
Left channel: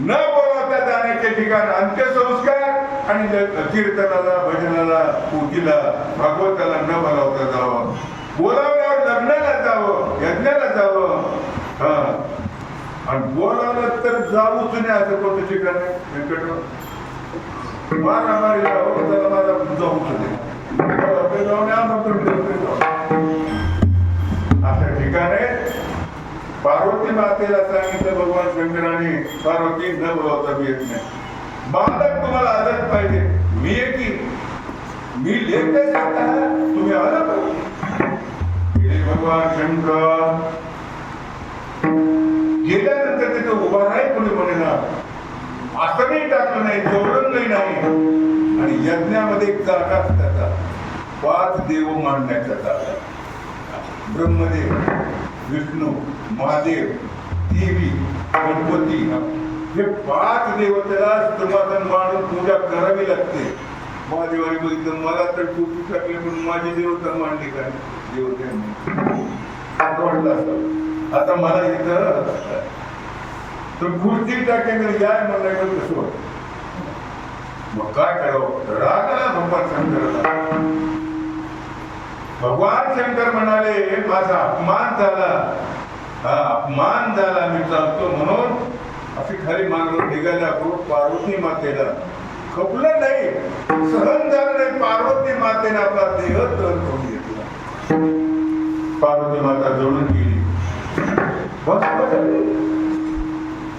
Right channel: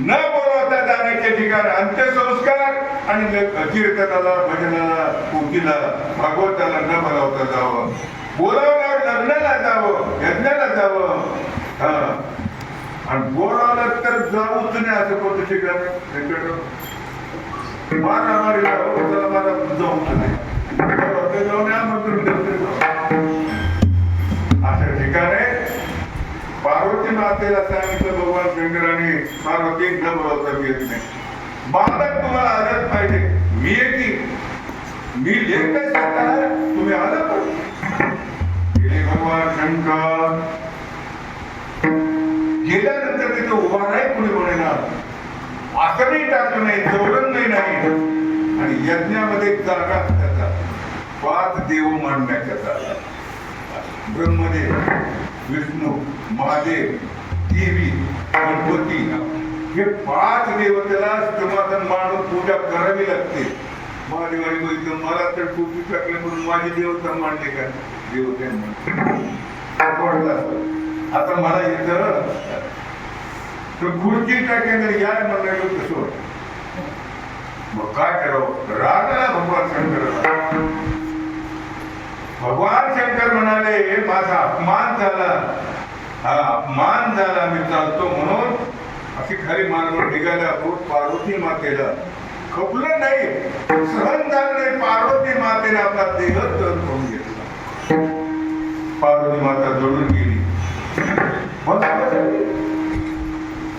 न बोलवता जाण्याचे ठिकाण अंत्यसंस्कार आणि कीर्तनाला, भजनाला, पूजेला, भागवताला न बोलावता जावं. बोलावल्यावर लग्नाला जावं, यज्ञाला जावं. आणि बोलावलं तर जाऊच नाही असं कोणतं ठिकाण आहे? मारामारीला मला जाऊच नाही, जाऊन असं ठिकाण आहे. पार्वती मातेला सांगितलं भगवान शंकराने, पार्वती न बोलावता मी येत नाही. बालक तुम्हाला आदत पाहिजे, मी येते, मी लेख तुम्ही आला पाहिजे. भगवान शंकर गेल्यानंतर तिथं उभा नाही, कोणी म्हणेना, आसनही टाकलं नाही, चौरंगही नाही. आणि यज्ञामध्ये एक जागा त्याचा 5 देव मांडण्याच्या जागा. ब्रह्मदेव, विष्णू, महादेव, देवी, गणपती हे 5 देवतेला समाधान मांडून पूजा करावी लागते. महादेवाने बघितलं मला तर टोपी टाकली म्हणून माझी देवता मांडली का देवत्यांनी आता मला येतं तर खुर्ची टाकेंद्र याय मला येऊ कसं मग काय करावं रागाला भगवान शंकरला. भगवान शंकर म्हणाले माझा अपमान झाला हा अपमान झाला मी चालतो म्हणून अशी खाली मानवर निघाल्या पार्वती मातेला खपलं नाही सहन झालं नाही. पार्वती मातेने आपला देह दहन करून घेतला. पार्वती माता जळून गेली.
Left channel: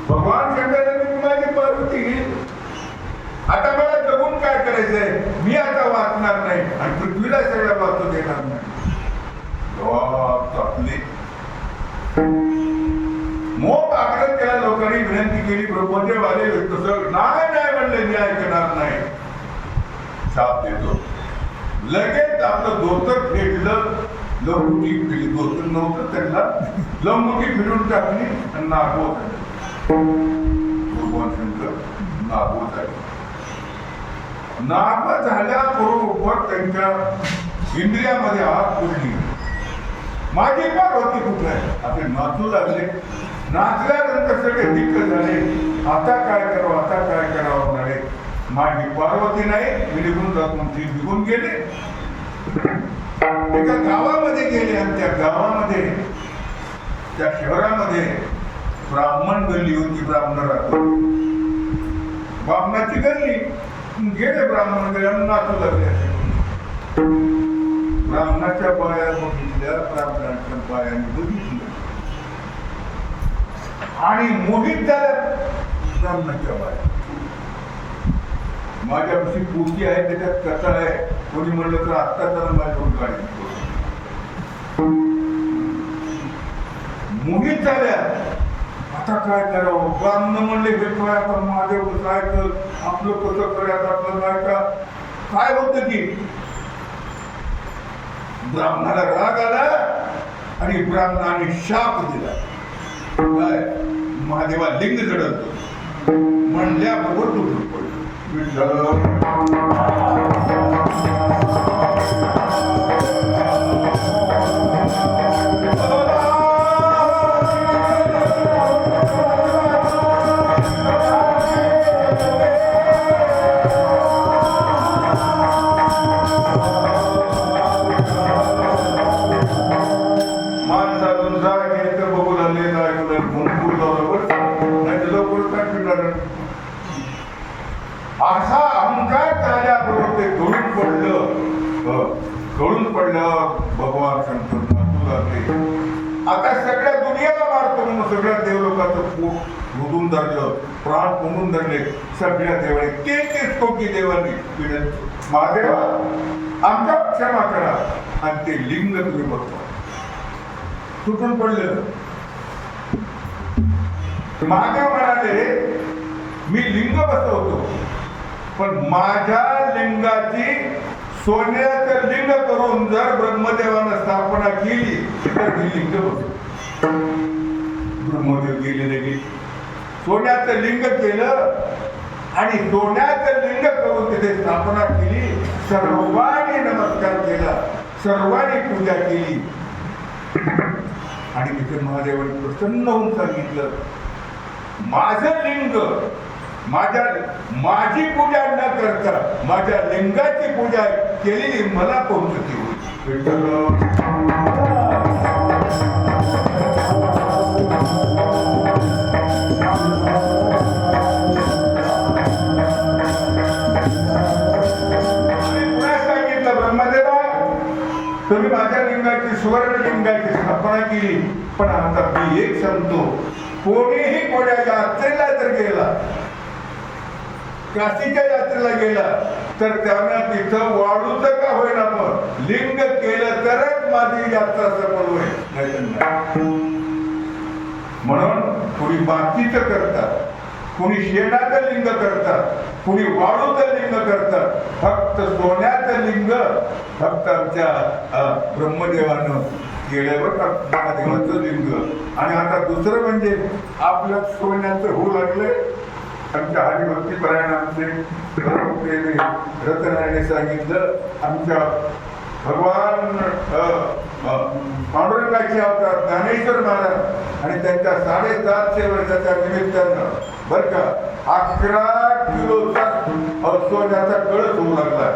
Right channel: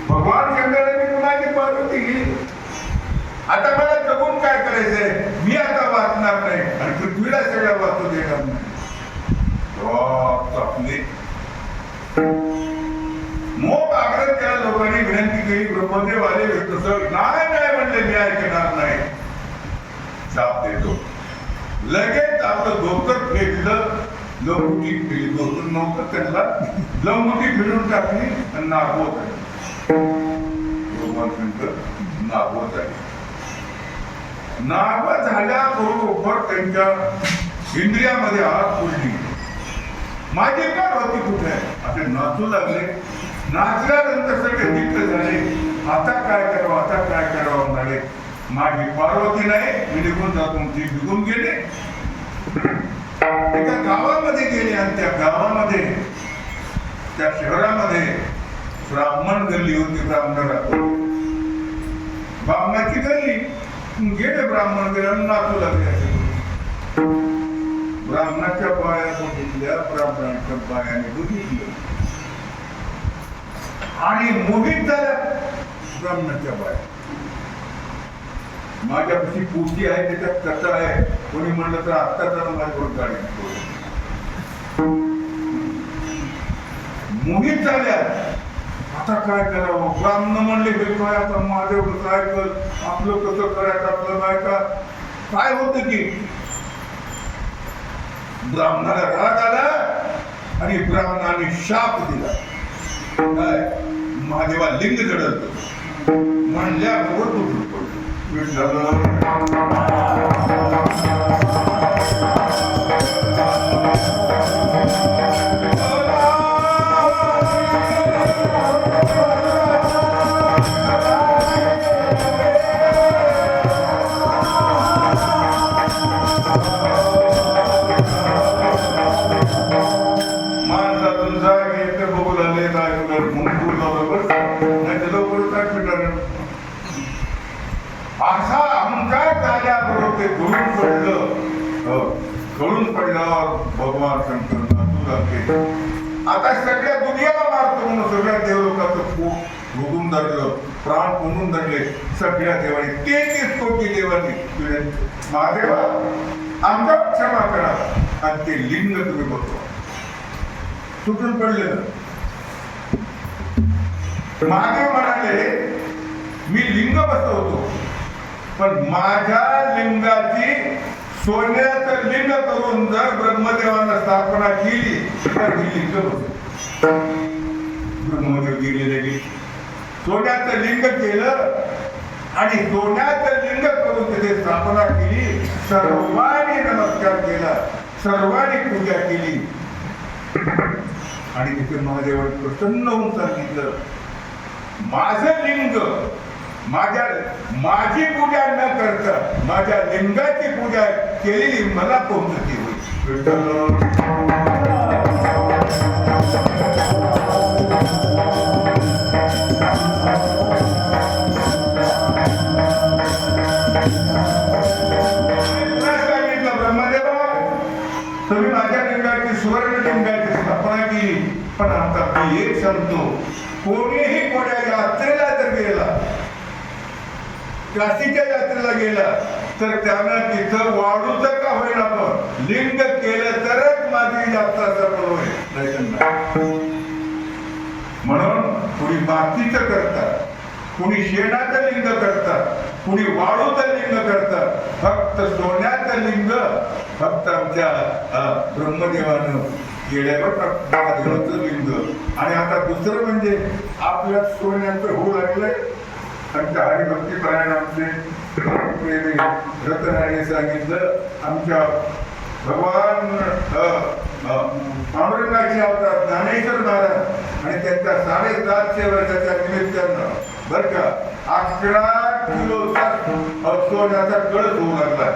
भगवान शंकराने माझी पार्वती गेली. आता मला जगून काय करायचंय मी आता वाचणार नाही आणि पृथ्वीला सगळ्या वाचू देणार नाही. मोह आग्रह केला लोकांनी विनंती केली ब्रह्मदेव आले तसं नाही म्हणले मी ऐकणार नाही शाप देतो. लगेच आपलं धोतर फेडलं लंगोटी फिरली. धोतर नव्हतं त्यांना लंगोटी फिरून टाकली आणि नागवत आहे. भगवान शंकर नागवत आहे. नागवत झाल्याबरोबर त्यांच्या इंद्रियामध्ये आग फुटली. माझी काय होती कुठे आहे असे नाचू लागले. नाचल्यानंतर सगळे दिक्क झाले. आता काय करावं आता काय करावं म्हणाले. माझी पार्वती नाही मी निघून जातो ती निघून गेले. एका गावामध्ये गेले आणि त्या गावामध्ये त्या शहरामध्ये ब्राह्मण गल्ली होती. ब्राह्मणाची गल्ली गेले ब्राह्मण गल्ली नाचू लागले. ब्राह्मणाच्या बाया बघितल्या ब्राह्मणाच्या बायाने बघितलं आणि मोहित झाल्या. ब्राह्मणाच्या बाया माझ्यापाशी पोथी आहे त्याच्यात कथा आहे कोणी म्हणलं तर आत्ता त्याला माझ्याकडून काढली. मोहित झाल्या. आता काय करावं. ब्राह्मण म्हणले हे काय आता माझे काय कर आपलं कसं करायचं आपलं काय का काय होतं की ब्राह्मणाला राग आला आणि ब्राह्मणाने शाप दिला. काय महादेवा लिंग जडत म्हणल्याबरोबर तुटून पडलं. असा अहंकार झाल्याबरोबर ते गळून पडलं. भगवान शंकर नाचू लागले. आता सगळ्या दुनियाला मारतो म्हणून सगळ्या देवलोकाचं खूप रुजून धरलं प्राण कोंडून धरले. सगळ्या देवाने 33 कोटी देवांनी महादेवा आमच्या क्षमा करा आणि ते लिंग तुम्ही बघतो तुटून पडले. महादेव म्हणाले मी लिंग बसवतो पण माझ्या लिंगाची सोन्याचं लिंग करून जर ब्रह्मदेवानं स्थापना केली तर ही लिंग बसवतो. ब्रह्मदेव गेलेले सोन्याचं लिंग केलं आणि सोन्याचं लिंग करून तिथे स्थापना केली. सर्वांनी नमस्कार केला सर्वांनी पूजा केली आणि तिथे महादेवाने प्रसन्न होऊन सांगितलं माझं लिंग माझी पूजा न करता माझ्या लिंगाची पूजा केलेली मला पोहोचते होईल. ब्रह्मदेवा तुम्ही माझ्या लिंगाची सुवर्ण लिंगाची स्थापना केली पण आता मी एक सांगतो कोणीही कोण्या यात्रेला जर गेला काशीच्या यात्रेला गेला तर त्यानं तिथं वाढूचं का होईल आपण लिंग केलं तरच माझी यात्रा सफल होईल. म्हणून थोडी मातीचं करतात कुणी शेणाचं लिंग करतात, कुणी वाळूचं लिंग करतात. फक्त सोन्याचं लिंग फक्त आमच्या ब्रह्मदेवानं केल्यावर महादेवाचं लिंग. आणि आता दुसरं म्हणजे आपलं सोन्याचं होऊ लागलंय. आमच्या हरिभक्तीपरायण आमचे रत्नारायणे सांगितलं, आमच्या भगवान पांडुरंगाचे अवतार ज्ञानेश्वर महाराज आणि त्यांच्या 750 वर्षाच्या निमित्तानं बरं का 11 किलोचा सोन्याचा कळस होऊ लागला.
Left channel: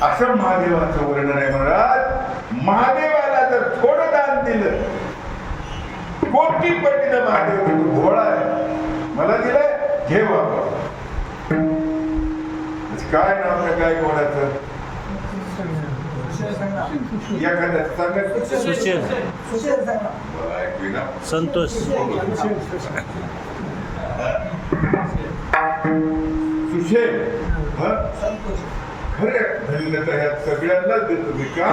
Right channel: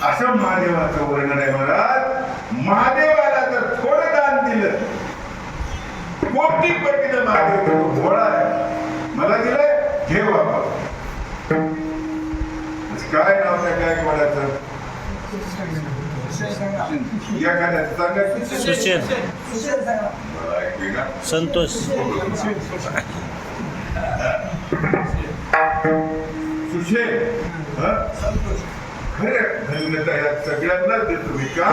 असं महादेवाचं वर्णन आहे. महाराज महादेवाला जर थोडं दान दिलं, कोटीपटीनं महादेव घोळा आहे. मला दिलंय, घे बाबा. काय नाव आहे काय घोड्याचं? एखाद्या सांगायचं सुशेल संतोष सुशेल खरं धन्यता या सगळ्यांनाच देतो मी. का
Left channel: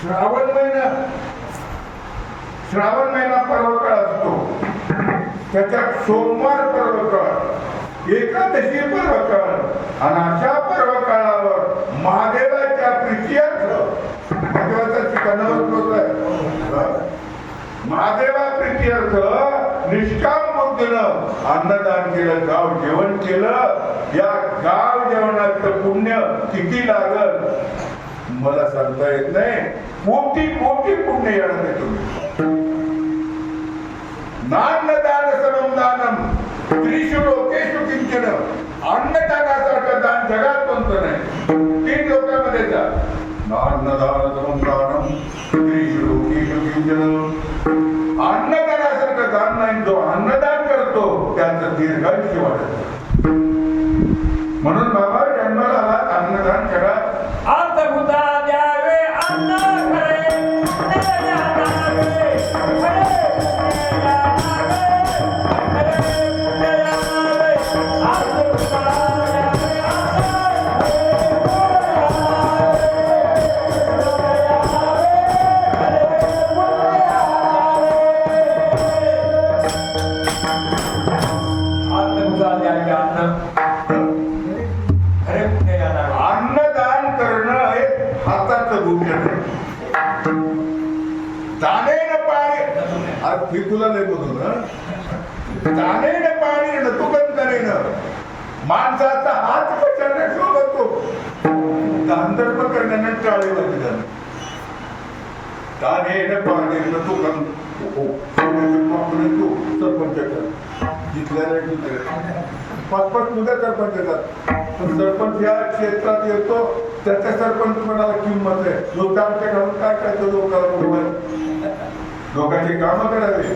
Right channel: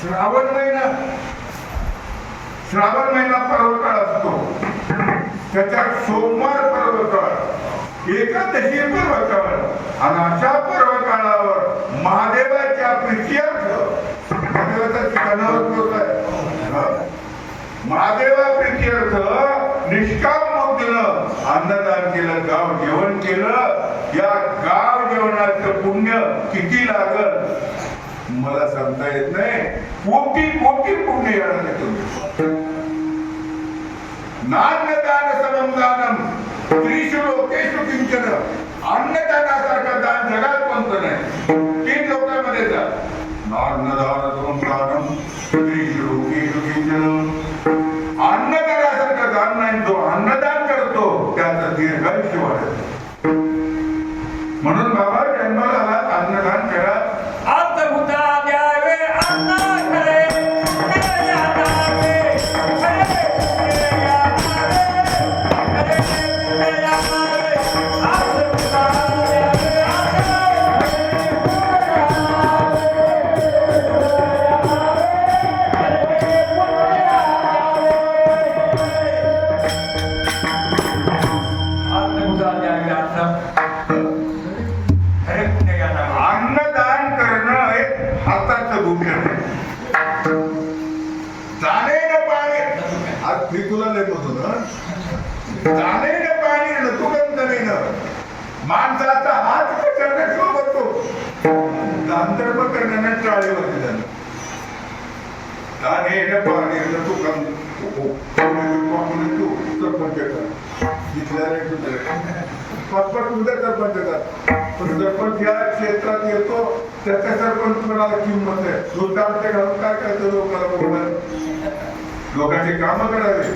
श्रावण महिना पर्वकाळ असतो, त्याच्यात सोमवार पर्वकाळ, एकादशी पर्वकाळ आणि अशा पर्वकाळावर महादेवाच्या प्रीत्यर्थ महादेवाच्या ठिकाणावर होत आहे. महादेवा प्रीत्यर्थ निष्काम बुद्धीनं अन्नदान केलं, गाव जेवण केलं. या गाव जेवणाचं पुण्य किती लागल मला सांगता येत नाही. कोटी कोटी पुण्य येणार आहे तुम्ही. नान्नदान समम दानम त्रिषु लोकेषु किंचन. अन्नदानासारखं दान जगात कोणतं नाही. 3 लोकांमध्ये जा. नान्नदान समम दानम त्रिषु लोकेषु किंचन. अन्नदानासारखं दान नाही. जो अन्नदान करतो त्याचं दीर्घायुष्य वाढतं. म्हणून बाबा जन्माला आला, अन्नदान करा. अर्थभूता द्यावे अन्न करे अन्नदान करणं हे हाताचं भूषण आहे. दानेनं पाणी, आज मी तुला नाही बोलतो ना, दानेनं पाणी न तुकंतनेनं. माणसाचा हात कशाने शोभतो, दानधर्म करण्याने टाळेवरती जाणं. दानेनं पाणी न तुकंत सरपंच जिथल्या 5-5 उद्या सरपंच येतात. पण सरपंच या क्षेत्रात येतो, त्याच्या सरपंच कोणाला किंमत आहे. लोकांचे घालून काय करायचं लोकांना बरोबर, लोकांची कामं करावी,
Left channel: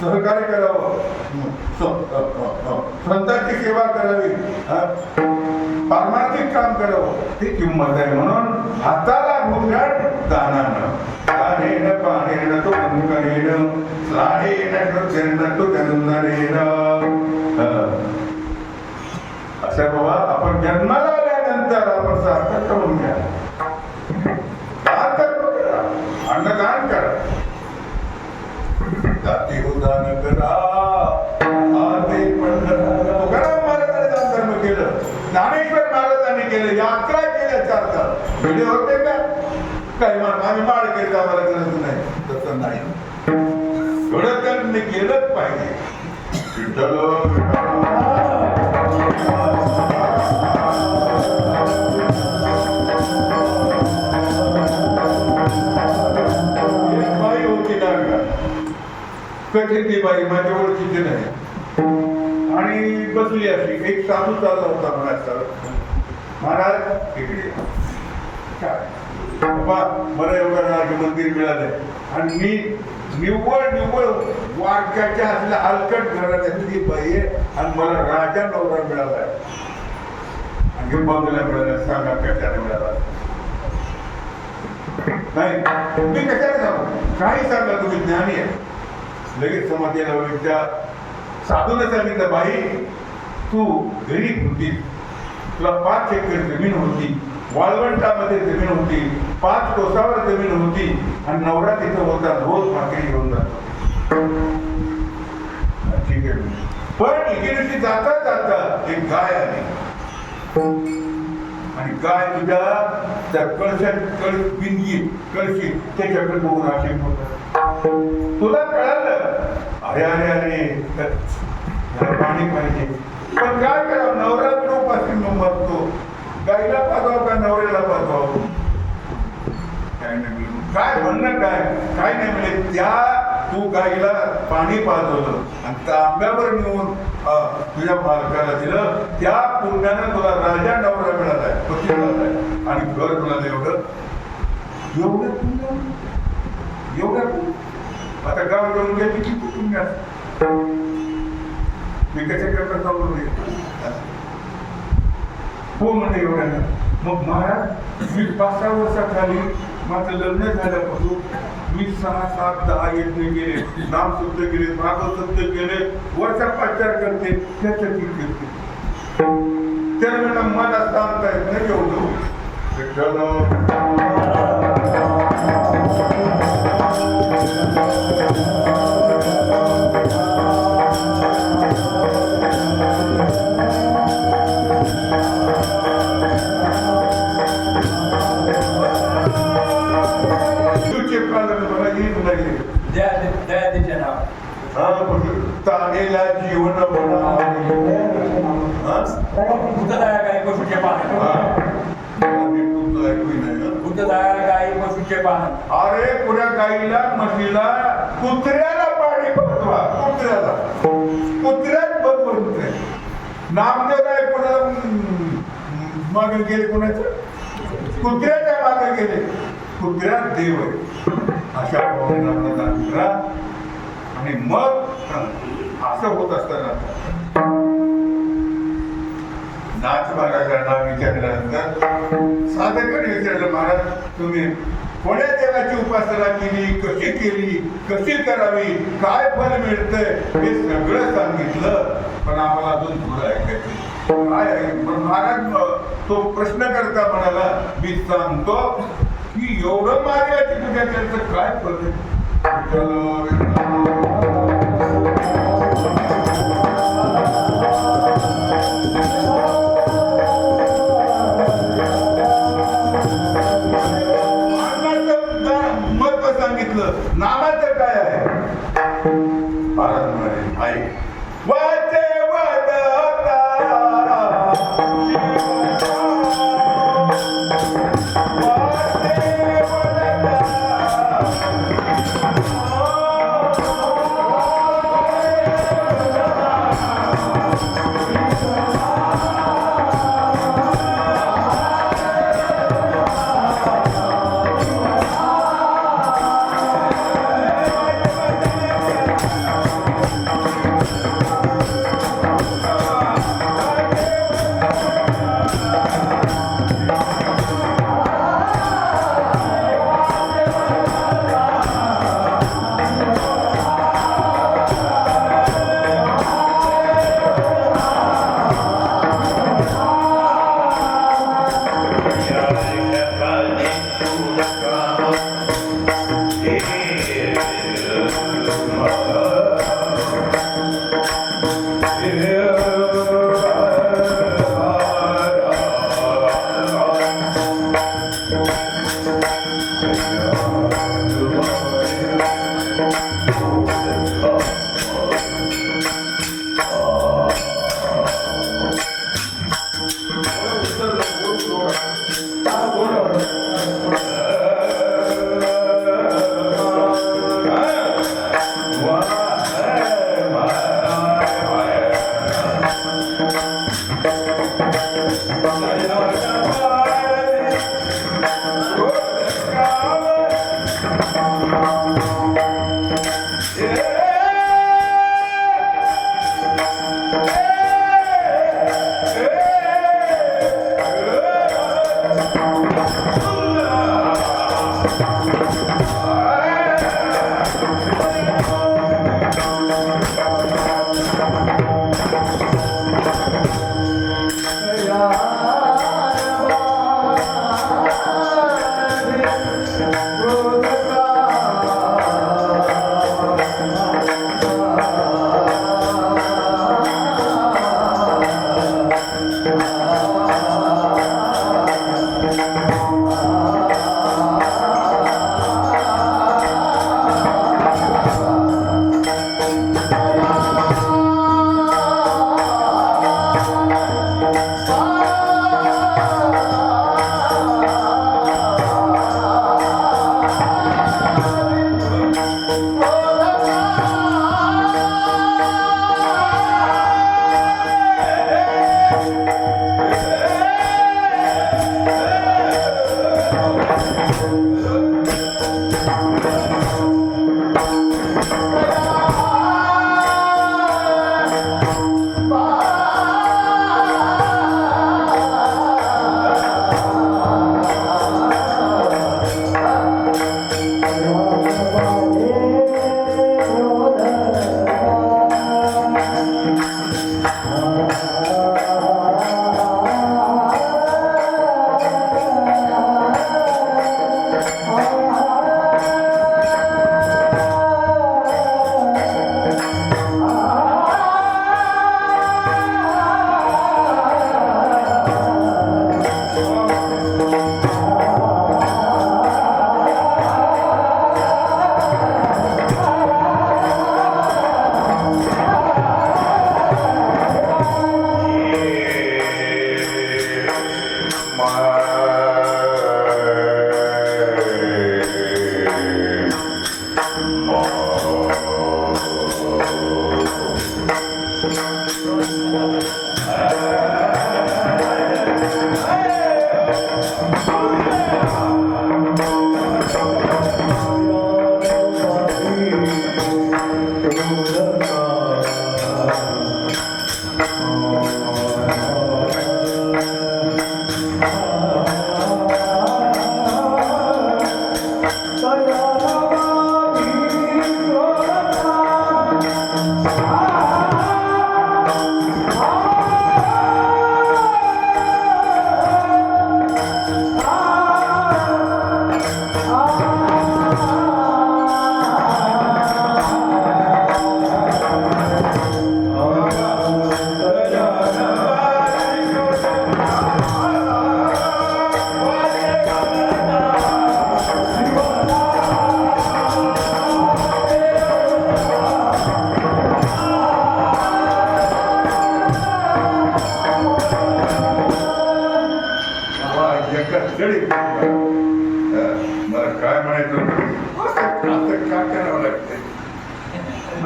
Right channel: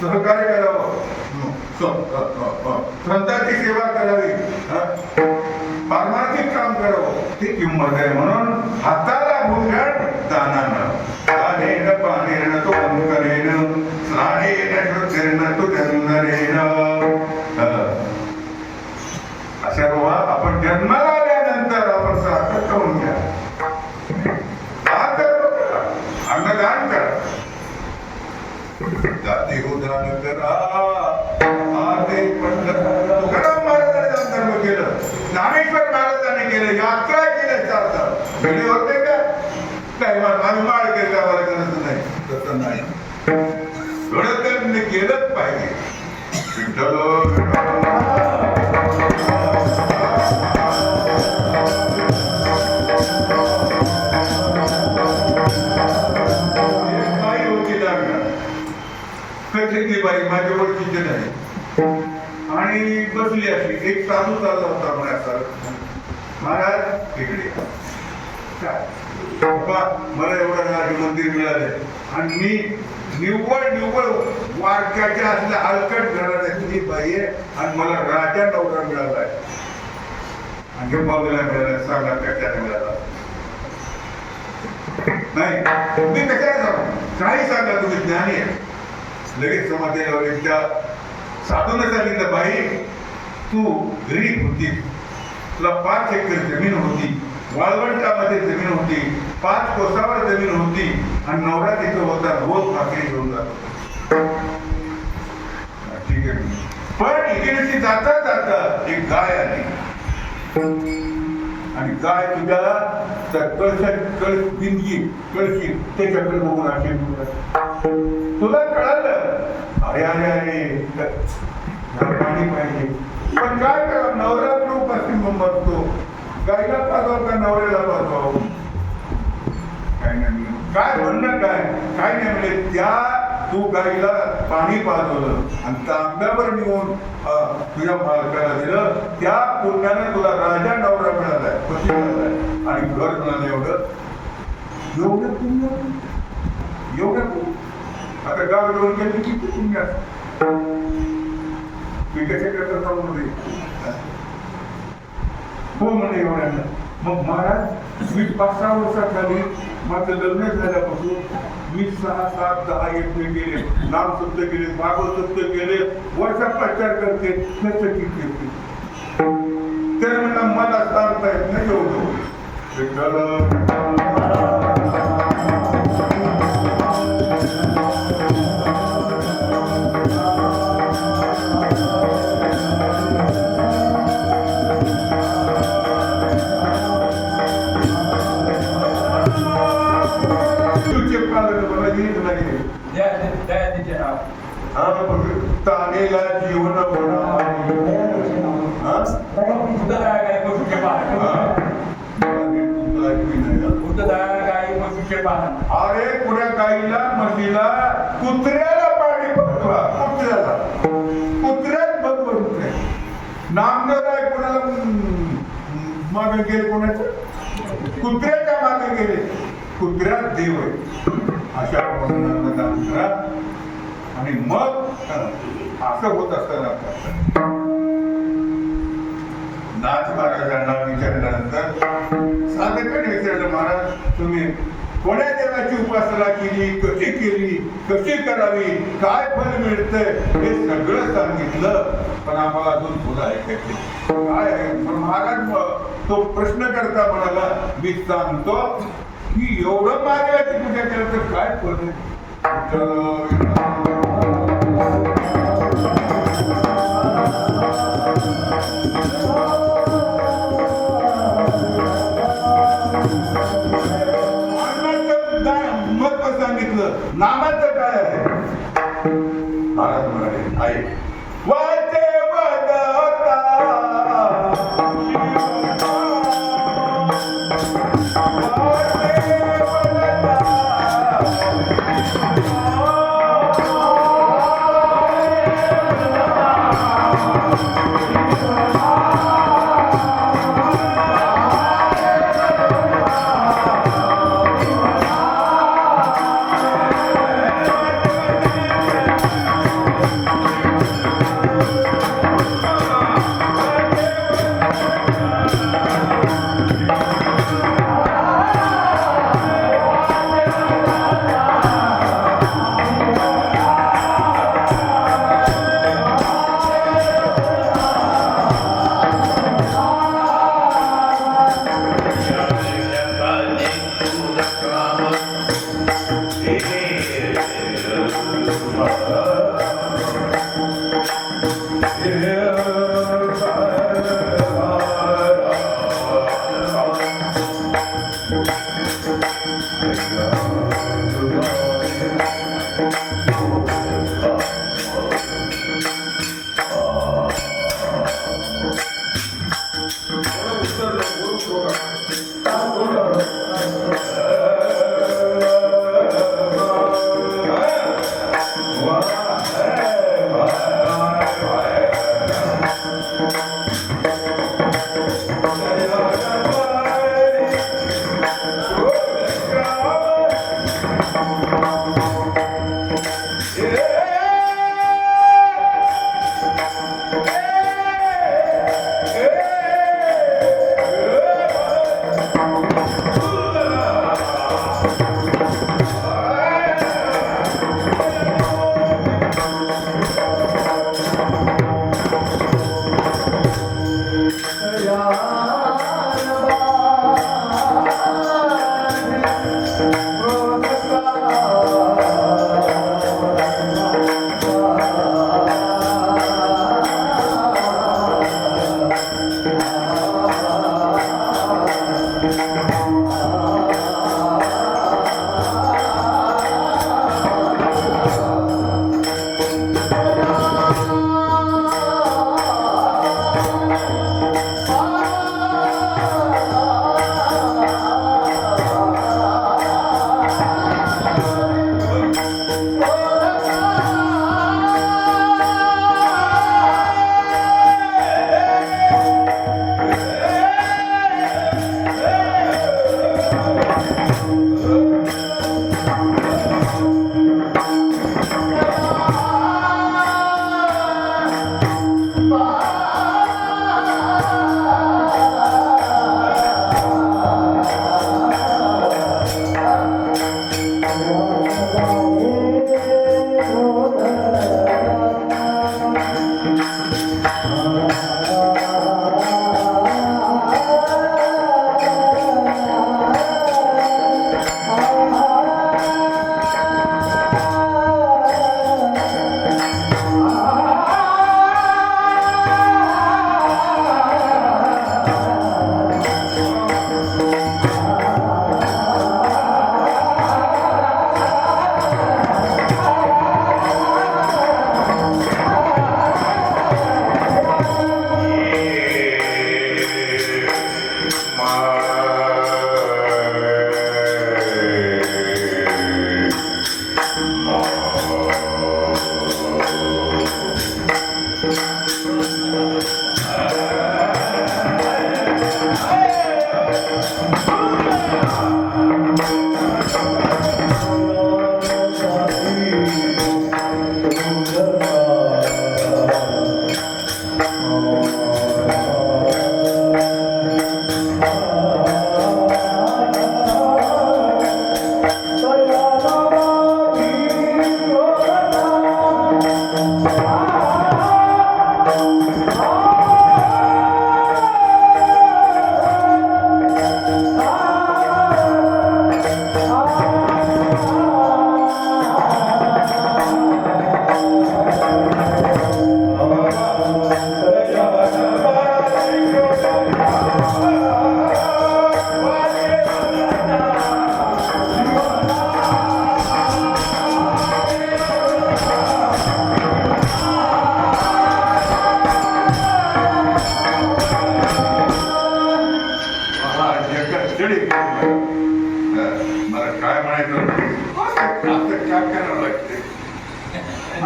सहकार्य करावं, स्वतःची सेवा करावी, पारमार्थिक काम करावं, ती किंमत आहे. म्हणून हाताला भूषण दानानं. दानेन पाणेन तो अंकरेन स्नानेन शुद्धेन तो चंदनेन. अशा बाबा आपण जन्माला आल्यानंतर आपण सार्थक करून घ्या. अन्नदान करा. जाती उदान करा, आते पण करा. तुकाराम महाराजांनी दानधर्म केलं, ज्ञानेश्वर महाराजांनी केलं, यात्रा केल्या 4 तास. वेळे होते का काय आम्ही माळ केली आम्हाला गरज नाही, तसं नाही. थोडं तर मी केलंच पाहिजे. विठ्ठल कथेतली बाई माझ्या ओळखीची नाही आणि बसली अशी एक साधू चालला होता म्हणायचा महाराज इकडे काय बाबा मला एवढं राज मंदिर मिळालंय आणि मी निव्वळ वारक्याच्या असल्या हलकट घराण्यातली बाई आहे आणि मला राजा नवरा मिळालाय आणि बंगला मिळाला सांगा कशाने मिळाला नाही तुम्ही कशाला सांगू काही सांगा तुम्ही ज्ञानी आहे लगेच समाधी लावली त्या साधून सांगितलं बाई तू गरीब होती तुला 5 एकर जमीन होती वाळवंटामध्ये जमीन होती 5 कोसावर जमीन होती आणि नवरा तिथे होता रोज भाकरी घेऊन जातो ठीक आहे पण इकडे जाता जाता एक गाय आली आणि गाय तुझ्या त्या कळशी त्याच्याकडे बघून असे तुला कळालं अरे अरे अरे पाणी पाहिजे पण काय करा नवरा पासून मरतो गायला पाजवाव का नवऱ्याला पाजवाव काय नाही काय म्हणणं काय नाही म्हणजे त्या तू गाईला पाणी पाजवलं आणि तांब्यावर नेऊन तुझ्या मालकाला दिलं त्या पुण्यानं तुला राजा नवरा मिळालाय पती मिळालाय आणि घर मिळालं एवढं पुण्य आता गाव घेऊन त्याची किती पुण्य मी कशा करता चालू हो म्हणजे एवढ्यांना मग महाराज मी 5-6 वर्षाखाली माझं लग्न झाल्यापासून मी 6-7-10 यज्ञ केले नाम शुद्ध केले भागवत शुद्ध केले वर्षापाचार करते त्याचं ठीक करते तर म्हणा मला सांगता येत नाही एवढं तानेला जीवन अरे पुण्या गाईला म्हशीला कुत्र्याला पाणी पडवा कुत्र्यात बघ बनते नामदेव आहे कोणाला मागे गेले कोणाचं कुत्र्याच्या मागे गेले कुत्र्यात देव आहे अशा प्रमाणात आणि मग असं होत असताना नाथ महाराजांना विचारल्यानंतर साधकाने विचारलं महाराज तुम्ही कोण्या देवाची उपासना केली कशी करावी काय फल मिळतंय हे सगळं सांगितलं पण आम्हाला अजून थोडं ऐकायचं काय आहे पण महाराज तो प्रश्न करता म्हणाला मी सांगतो की एवढं महादेवाची पूजा केलं तर काय फल महत्व सांगितलं नामाचं काय आहे महाराज म्हणाले आहे वाचे वदता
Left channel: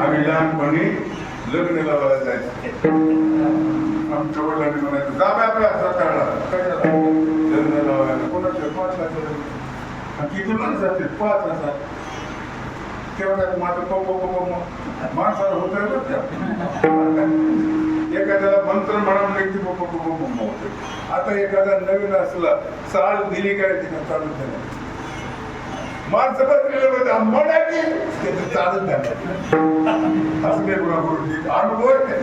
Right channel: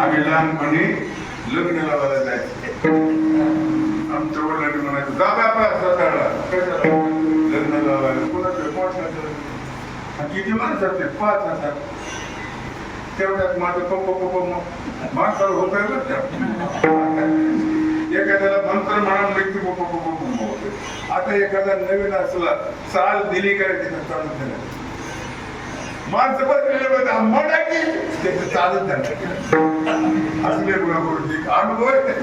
आम्ही लहानपणी लग्न लावायला जायचो. आमच्या वडिलांनी म्हणायचं दादा आपला स्वतःला कशाला लग्न लावायला कोणाचं आणि किती माणसं असते 5,000. तेवढ्यात माझं पप्पा माणसाला होतंय बरं त्या. एखाद्याला मंत्र म्हणून की पप्पा होते. आता एखादा नवीन असला चाल दिली काय तिथं चालत नाही. माणसं बसलेले होते आम्हाला की त्याचं चालत नाही असले गुणाकृती अनुभव आहे.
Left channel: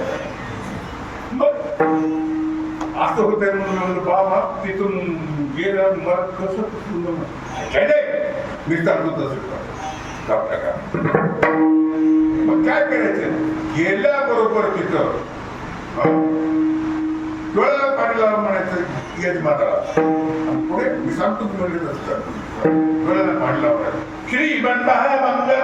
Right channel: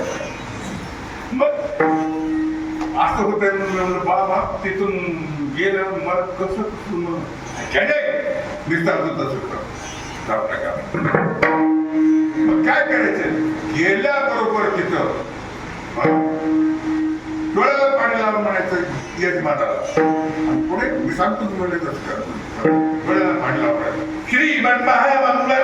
मग असं होतंय म्हणून बाबा तिथून गेलं मला कसं मी सांगतो तसं का मग काय करायचं गेल्याबरोबर तिथं डोळ्याला पाणी लावून म्हणायचं यजमानाला आणि पुढे मी सांगतो तुम्हाला तसं डोळ्याला पाणी लावणार श्री मंगला मंगला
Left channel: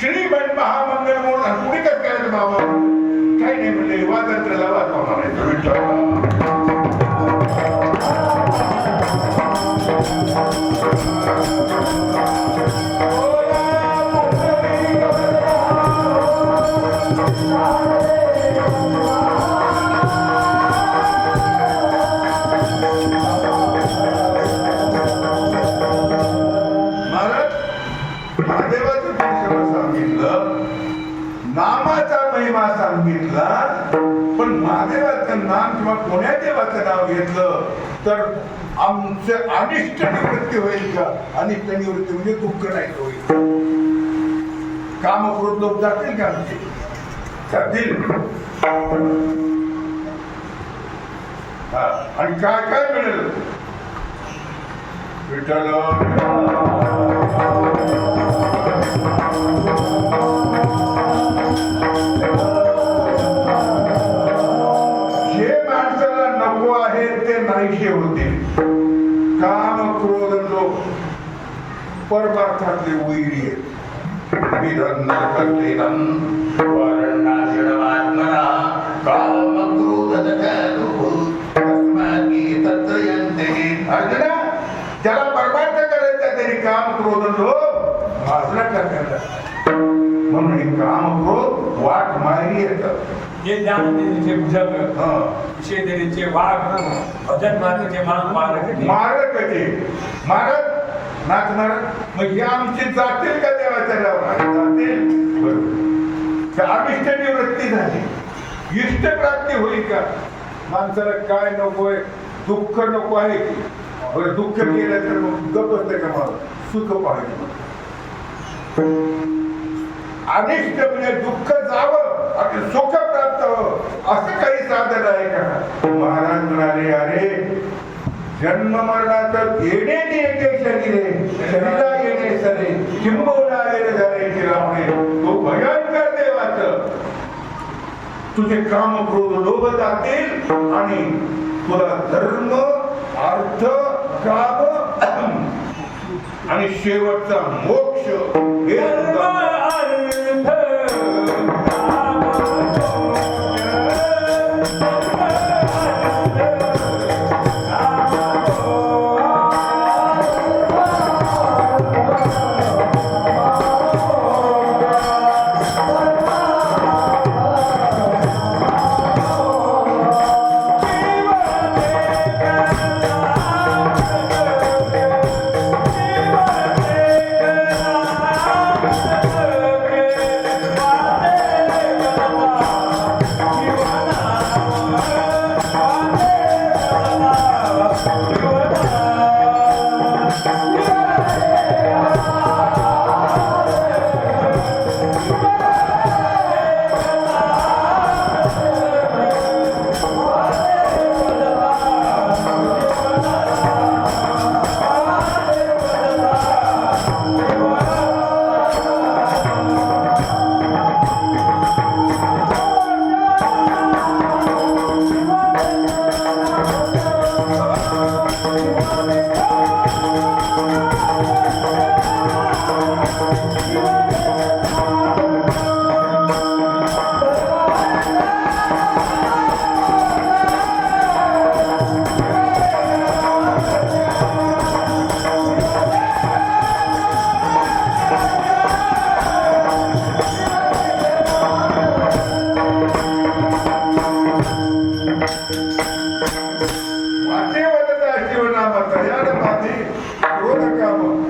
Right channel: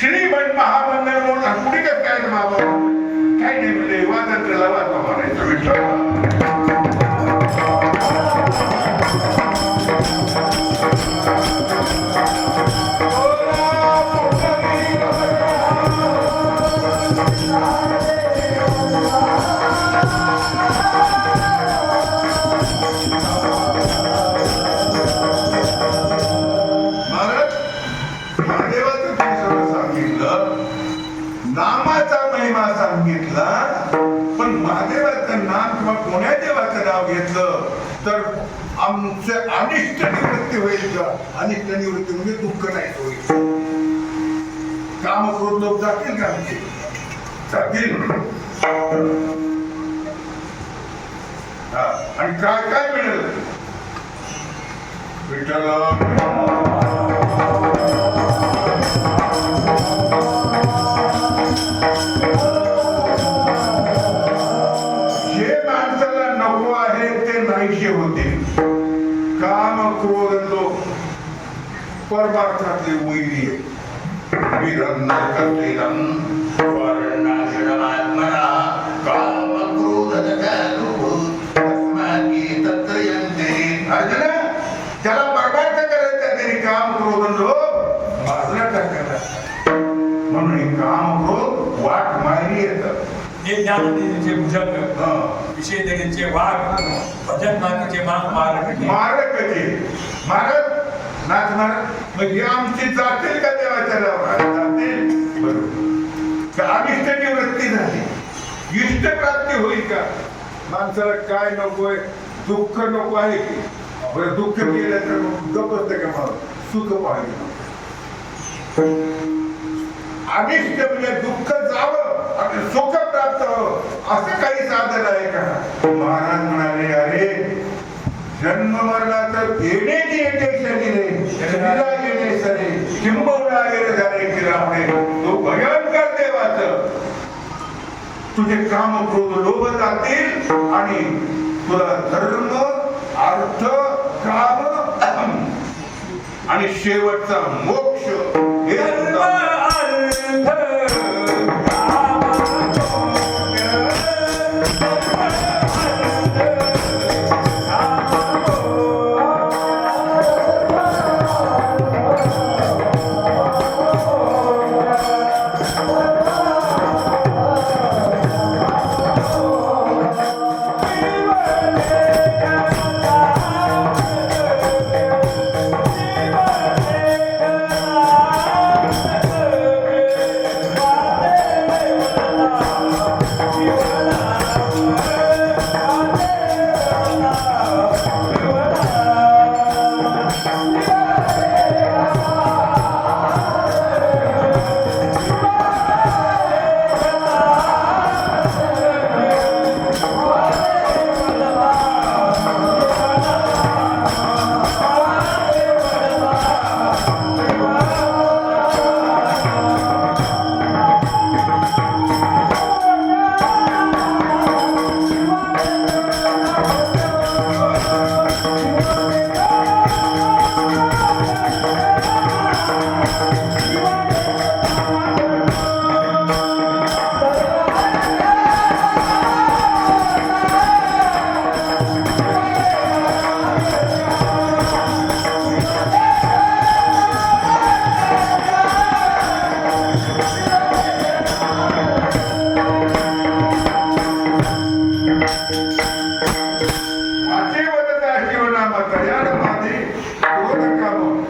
श्रीमंत महामंडळ म्हणून आणि पुढे काय करायचं बाबा काही नाही म्हणजे वादांतला वाचा म्हणायचं विठ्ठल नामाचा महिमा सांगितला पण महादेवाचं नाम किंवा कोण्या देवाचं नाव घेतलं तर आमचं अनिष्ट निवृत्ती होईल का. अनिष्ट निवृत्ती म्हणजे दुःख नाही होईल. काम क्रोध लोक जातील का आमचे जातील. आणि काय काय मिळेल विठ्ठल होते. काम क्रोध लोक परमार्थातले वैरी ज्याला परमार्थ करायचा त्यांनी काम क्रोध लोक माजरा टाकायला म्हणून काम क्रोध वाट मारी येतं. जे ज्ञानदेवीचे भुजंग विषय देवीचे वाघ भजन मार्गाचे मारकाचे मारक नाचणार मग हे आमचे जातील का देवाच्या नावावर जातील. बरोबर अनिष्ट निवृत्ती झाली इष्ट प्राप्ती होईल का. माणसाला काय नकोय दुःख नको आहे की बरं दुःख केलं तर गप असतं का मला सुख पाहिजे. अनिष्ट म्हणजे दुःख जावं आणि सुख प्राप्त असं काही साधन आहे का. महाराज म्हणाले अरे जन्म मरणाचं देण्याची येते शरीरे येणे सरे किंबहुना येणे झाले की तो भयंकर देवाचं तुझे काम क्रोध लोभ जातील आणि तुला धर्म अर्थ काम आणि शेवटचा मोक्ष हे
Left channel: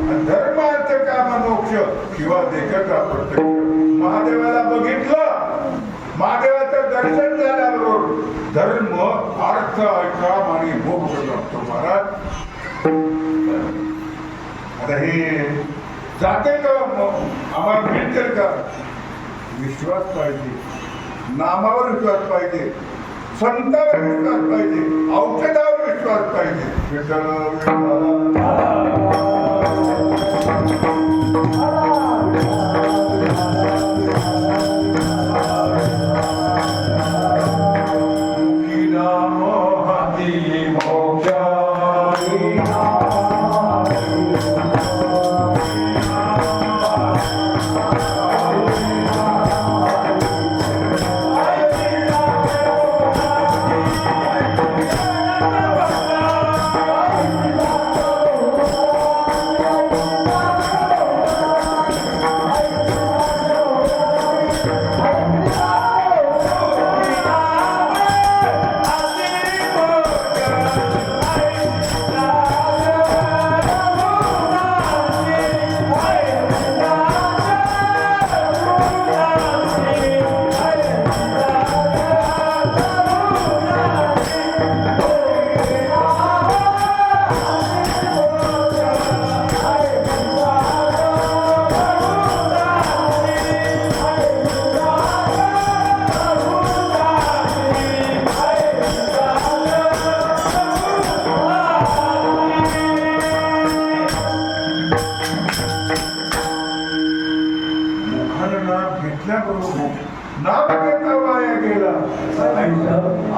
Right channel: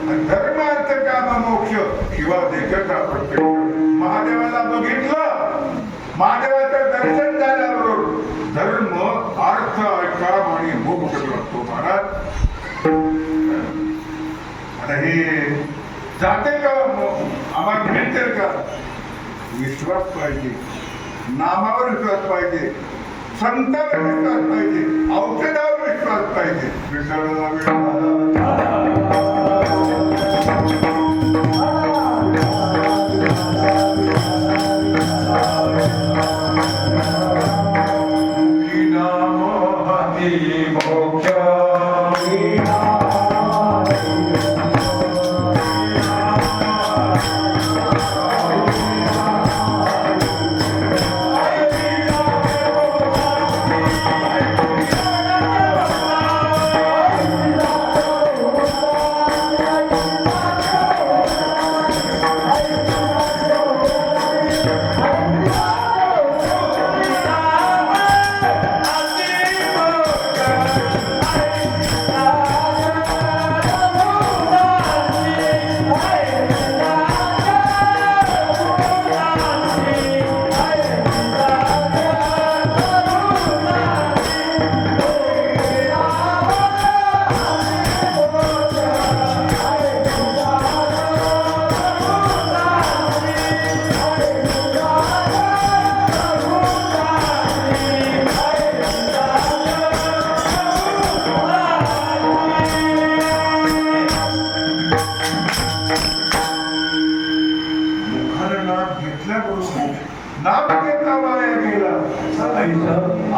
आणि धर्म अर्थ काम मोक्ष शिवा देखा प्रत्यक्ष. महादेवाला बघितलं, महादेवाचं दर्शन झाल्याबरोबर धर्म अर्थ काम आणि मोक्ष करतो महाराज. आता हे जाते का आम्हाला भेटते का? विश्वास पाहिजे, नामावर विश्वास पाहिजे, संतांवर विश्वास पाहिजे, औषधावर विश्वास पाहिजे.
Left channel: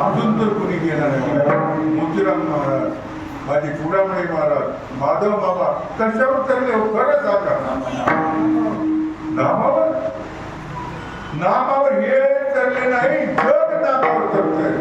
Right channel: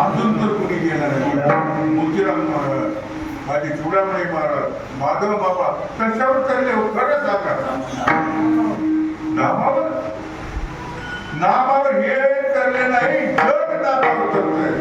अजून तर कोणी गेला नाही. मोतीराम महाराज, माझे चुडामणी महाराज, माधव बाबा कशावर चालले हो? खरं सांगा. नामावर हे चालले नाही, जग नामावर चाललंय.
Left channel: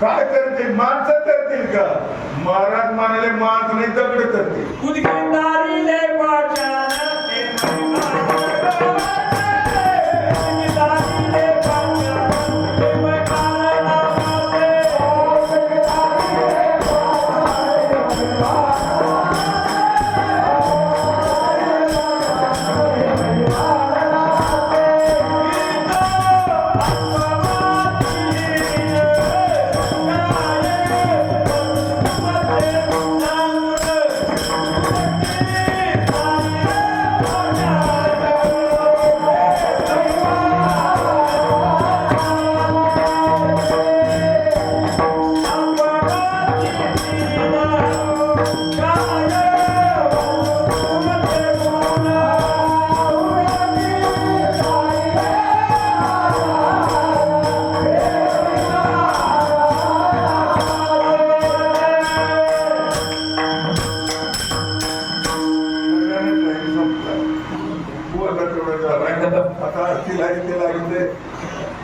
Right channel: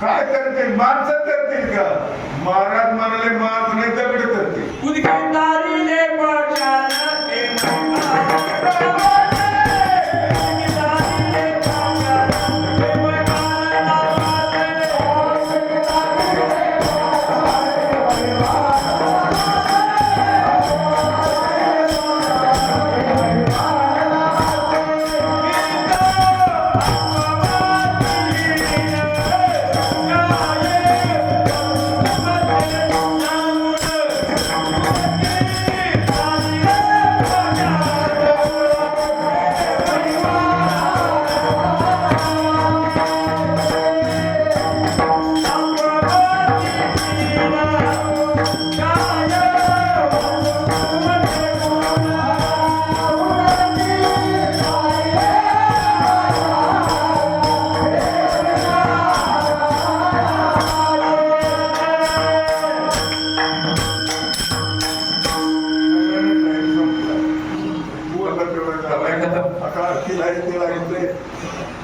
काय करते? माणसं करतील का? महाराज म्हणाले माणसं नाही दगड करते.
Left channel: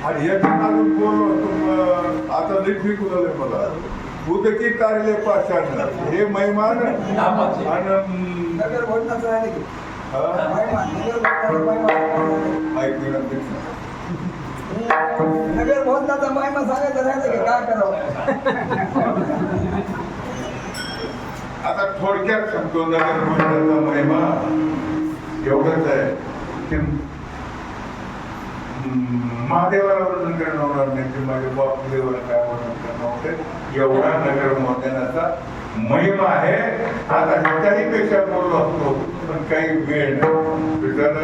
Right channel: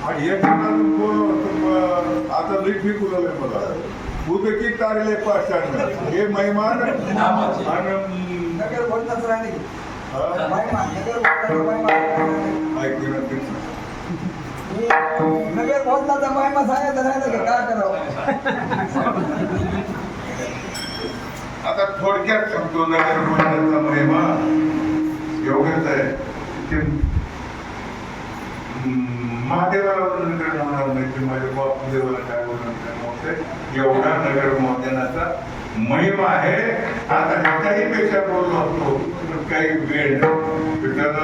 आणि एक अजून कोण आता लिखी कुलले मला उदकी तारले पाषाण हे महिमान आणि नगर बोलताच राहिले की नगर बोलताचा महिमा सांगायचं राहिलं की काय करावं. आता थोडक्यात सांगतो नगर बोलण्याचा महिमा एवढंच आहे की महादेवाला वर्णन करणं होणार नाही की माझ्या बाप देवाला काय वर्णन करणं होते. एवढा नगर मोहनाचा महिमा आहे. आता काही पेक्षा बोललो असतो पण काही वेळ नाही. विठ्ठल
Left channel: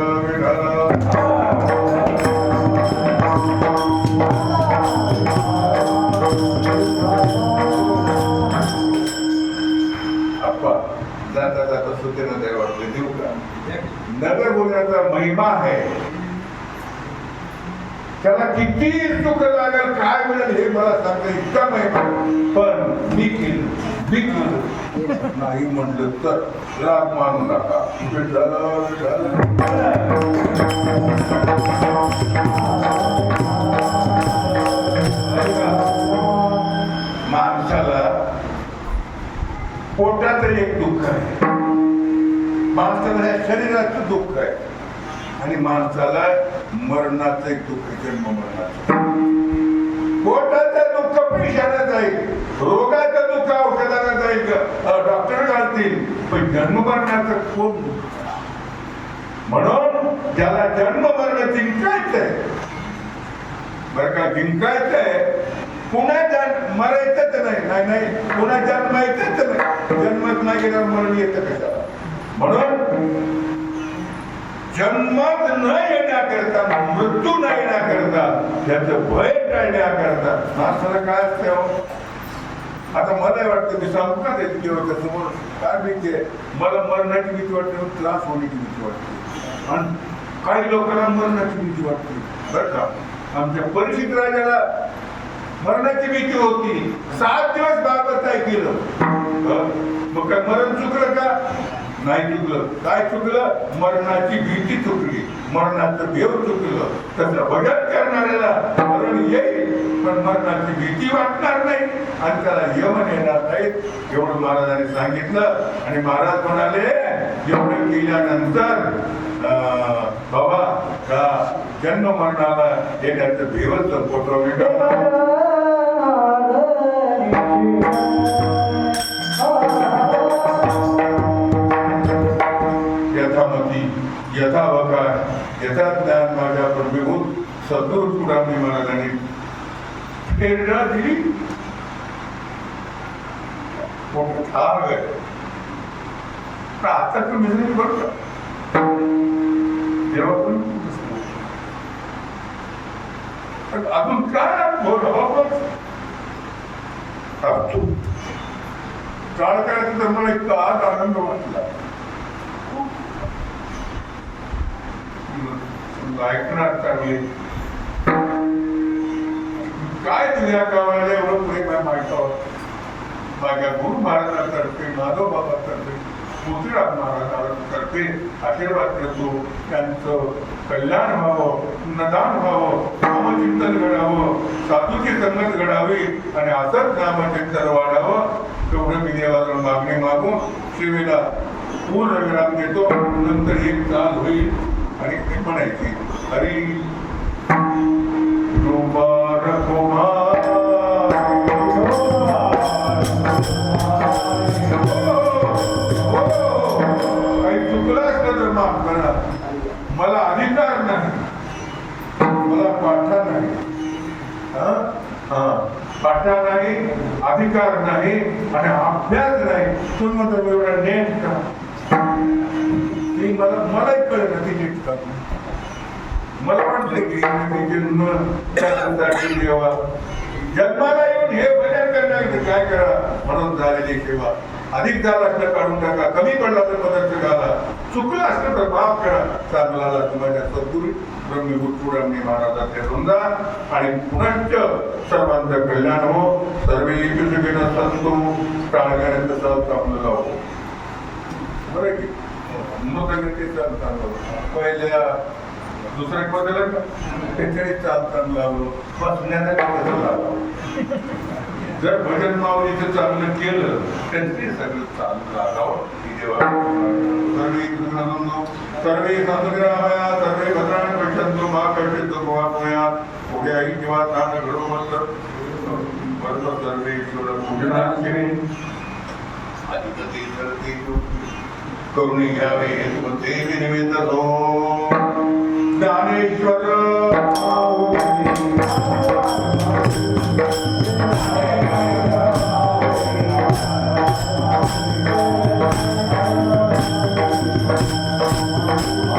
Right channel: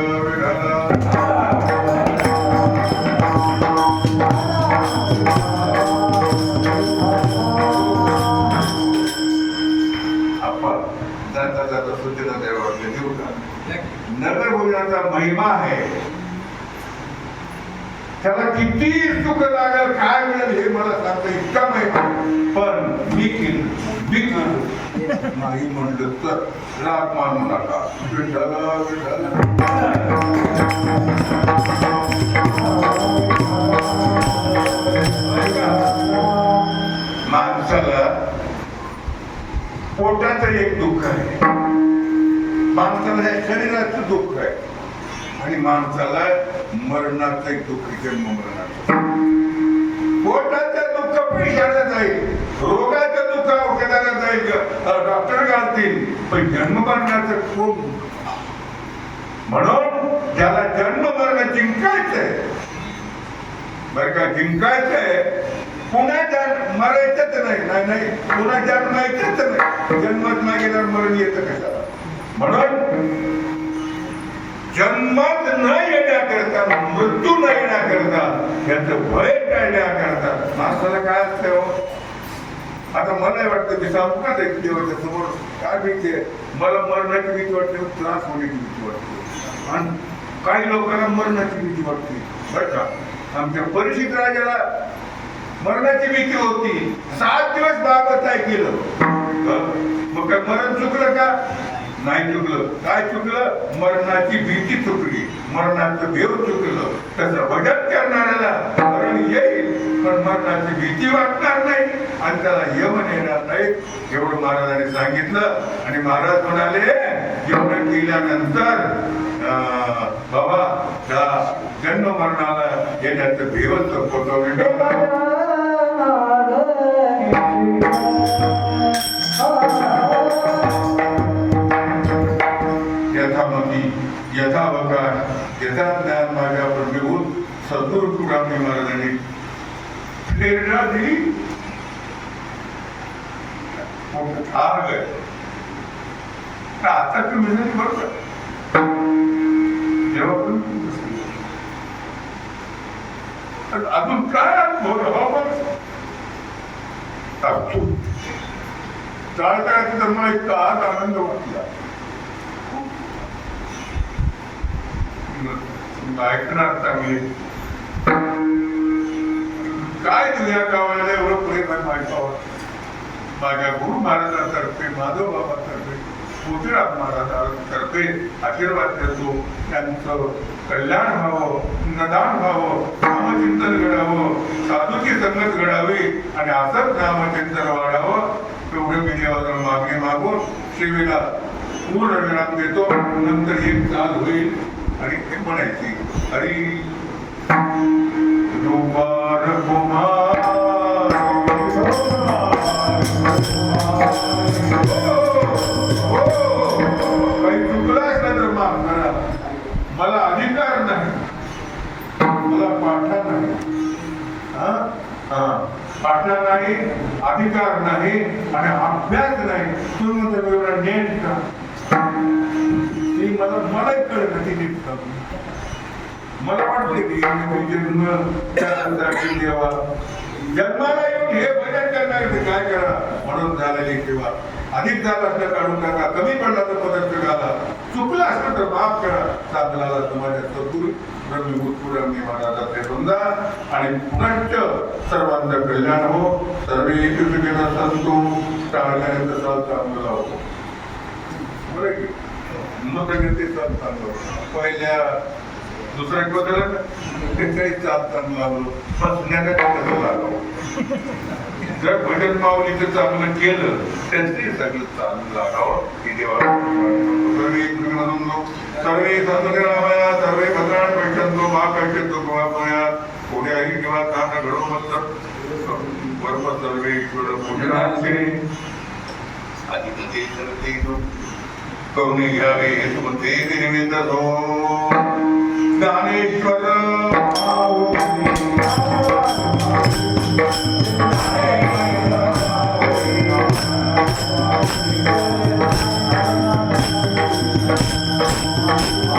आपण जाता जाता सुद्धा देऊ का? नगर भोजनाचा महिमा आहे. त्याला किती सुख लागेल काय मिळेल हे मला सांगता इतका महिमा. पण मी केलं नाही म्हणलं तर राग मानू नका. विठ्ठल माणसाला पोटाचं एक दुःख आहे, माणसाला शरीराचं दुःख आहे आणि माणसाला मरणाचं एक दुःख, जन्म मरणाचं. पोटाचं दुःख पैशाला जाईल, रोगाचं दुःख औषधाला जाईल, डॉक्टर घालतील, पण जन्म मरणाचं कोण? म्हणून ज्याला जन्म मरण जिंकायचंय बरं का, जिंकायचंय, पुन्हा मरायचंच नाही. नाही पुन्हा जन्मायचंच नाही. जन्मच नाही गेल्यावर मरण येतं कशाला? म्हणून जन्मात न येण्याकरता, मृत्यू न येण्याकरता, त्याचं भय टाळण्याकरता माणसाला काय असतं हो? आता मला वाटतं मी सांगू का देवाच्या समोर काय भीती आहे? मला मरणाची भीती वाटते, त्रास होण्याची भीती वाटते, आणि काही लोकांना मरणाची भीती वाटते. बरं का, आमच्या परिचित राजाला मरणाची भीती होती. 7 दिवस बाबत काय केलं? मग काय मरण चुकलं का? नाही चुकलं. काय चुकलं? मरणाची भीती चुकली, मरणाचं देव चुकलं. त्याचं भजन करणाऱ्याला मरण येईल पण मरणाची भीती वाटणार नाही आणि त्याला यमन येणार नाही, एवढं महाराजांनी सांगितलं. आणि महाराज म्हणाले एवढं केल्यानंतर बाबा त्या जन्म मरणाला येण्याचं देवच संपवतो. यथामती यथावकाश यथा ज्ञान माझ्या प्रभूत सद्गुरु तुकाराम महाराजांनी प्रेरणा दिली. आता तुम्ही बघता जेव्हा पण अजून काय बोलावं काळ करायचं तर मला इतका आज आनंद वाटला. ऐकणार चांगले काय तुझ्या गावाला एवढं प्रेम आहे माझ्यावर. माझ्या गुरु महाराजांतर्फे, माधव बाबांतर्फे, मोतीराम महाराजांतर्फे आशीर्वाद देतो. त्यांचं कल्याण व्हावं, नदान व्हावं, नामचिंतन घडावं, साधूची संगत घडावी आणि असंच नामचिंतन वाढावं. तेवढं मी देवाला मागणी मागून सेवेला पूर्ण विराम देतो. नंतर एक चाल होईल आणि ते म्हणायची हरी काही चुकलं असलं तर माफ करा. मला अधिकार नाही, मला पाठा नाही, पाठा नाही, अधिकार नाही आणि अभ्यास नाही. तुम्ही तर एवढा नेट का मलाही कळत नाही नीट का. मला वाटतं की जन्म त्यासाठी देवा जन्माला येऊन हे भजन करण्यासाठी काय करा म्हणून झालेली सेवा. अधिक झालं असलं काढून टाका, कमी पडला तर पदार्थ घाला, चुकलं असलं तर माफ करा. साधनाला तुम्हाला सद्गुरू ब्रह्मभूत तुकाराम महाराजांचे वंदन आणि पुनश्च सर्वांचं कल्याण हो. सर्वे सुखिनः सन्तु. टाळण्याचं चांगलं हो. बरं की नोकरीचे चालतं पहिल्या दुसऱ्या बदल त्याच्याही चालताना लागलो बसण्याला कसं लागलो. जर भजन माऊलीचं चांगलं केलं त्याचे सगळं चालू लागावं. की देवा सर्वे संतरामया सर्वे भद्राण पश्यंतु मा कश्यंतु गोवापयात उद्याही किंवा तान घडो मत बरोबर सर्वे ईश्वर पूजनाचे आणि ते करून घ्यावे हेतुमते विनिमित्त हो. ज्ञानेश्वर आहे.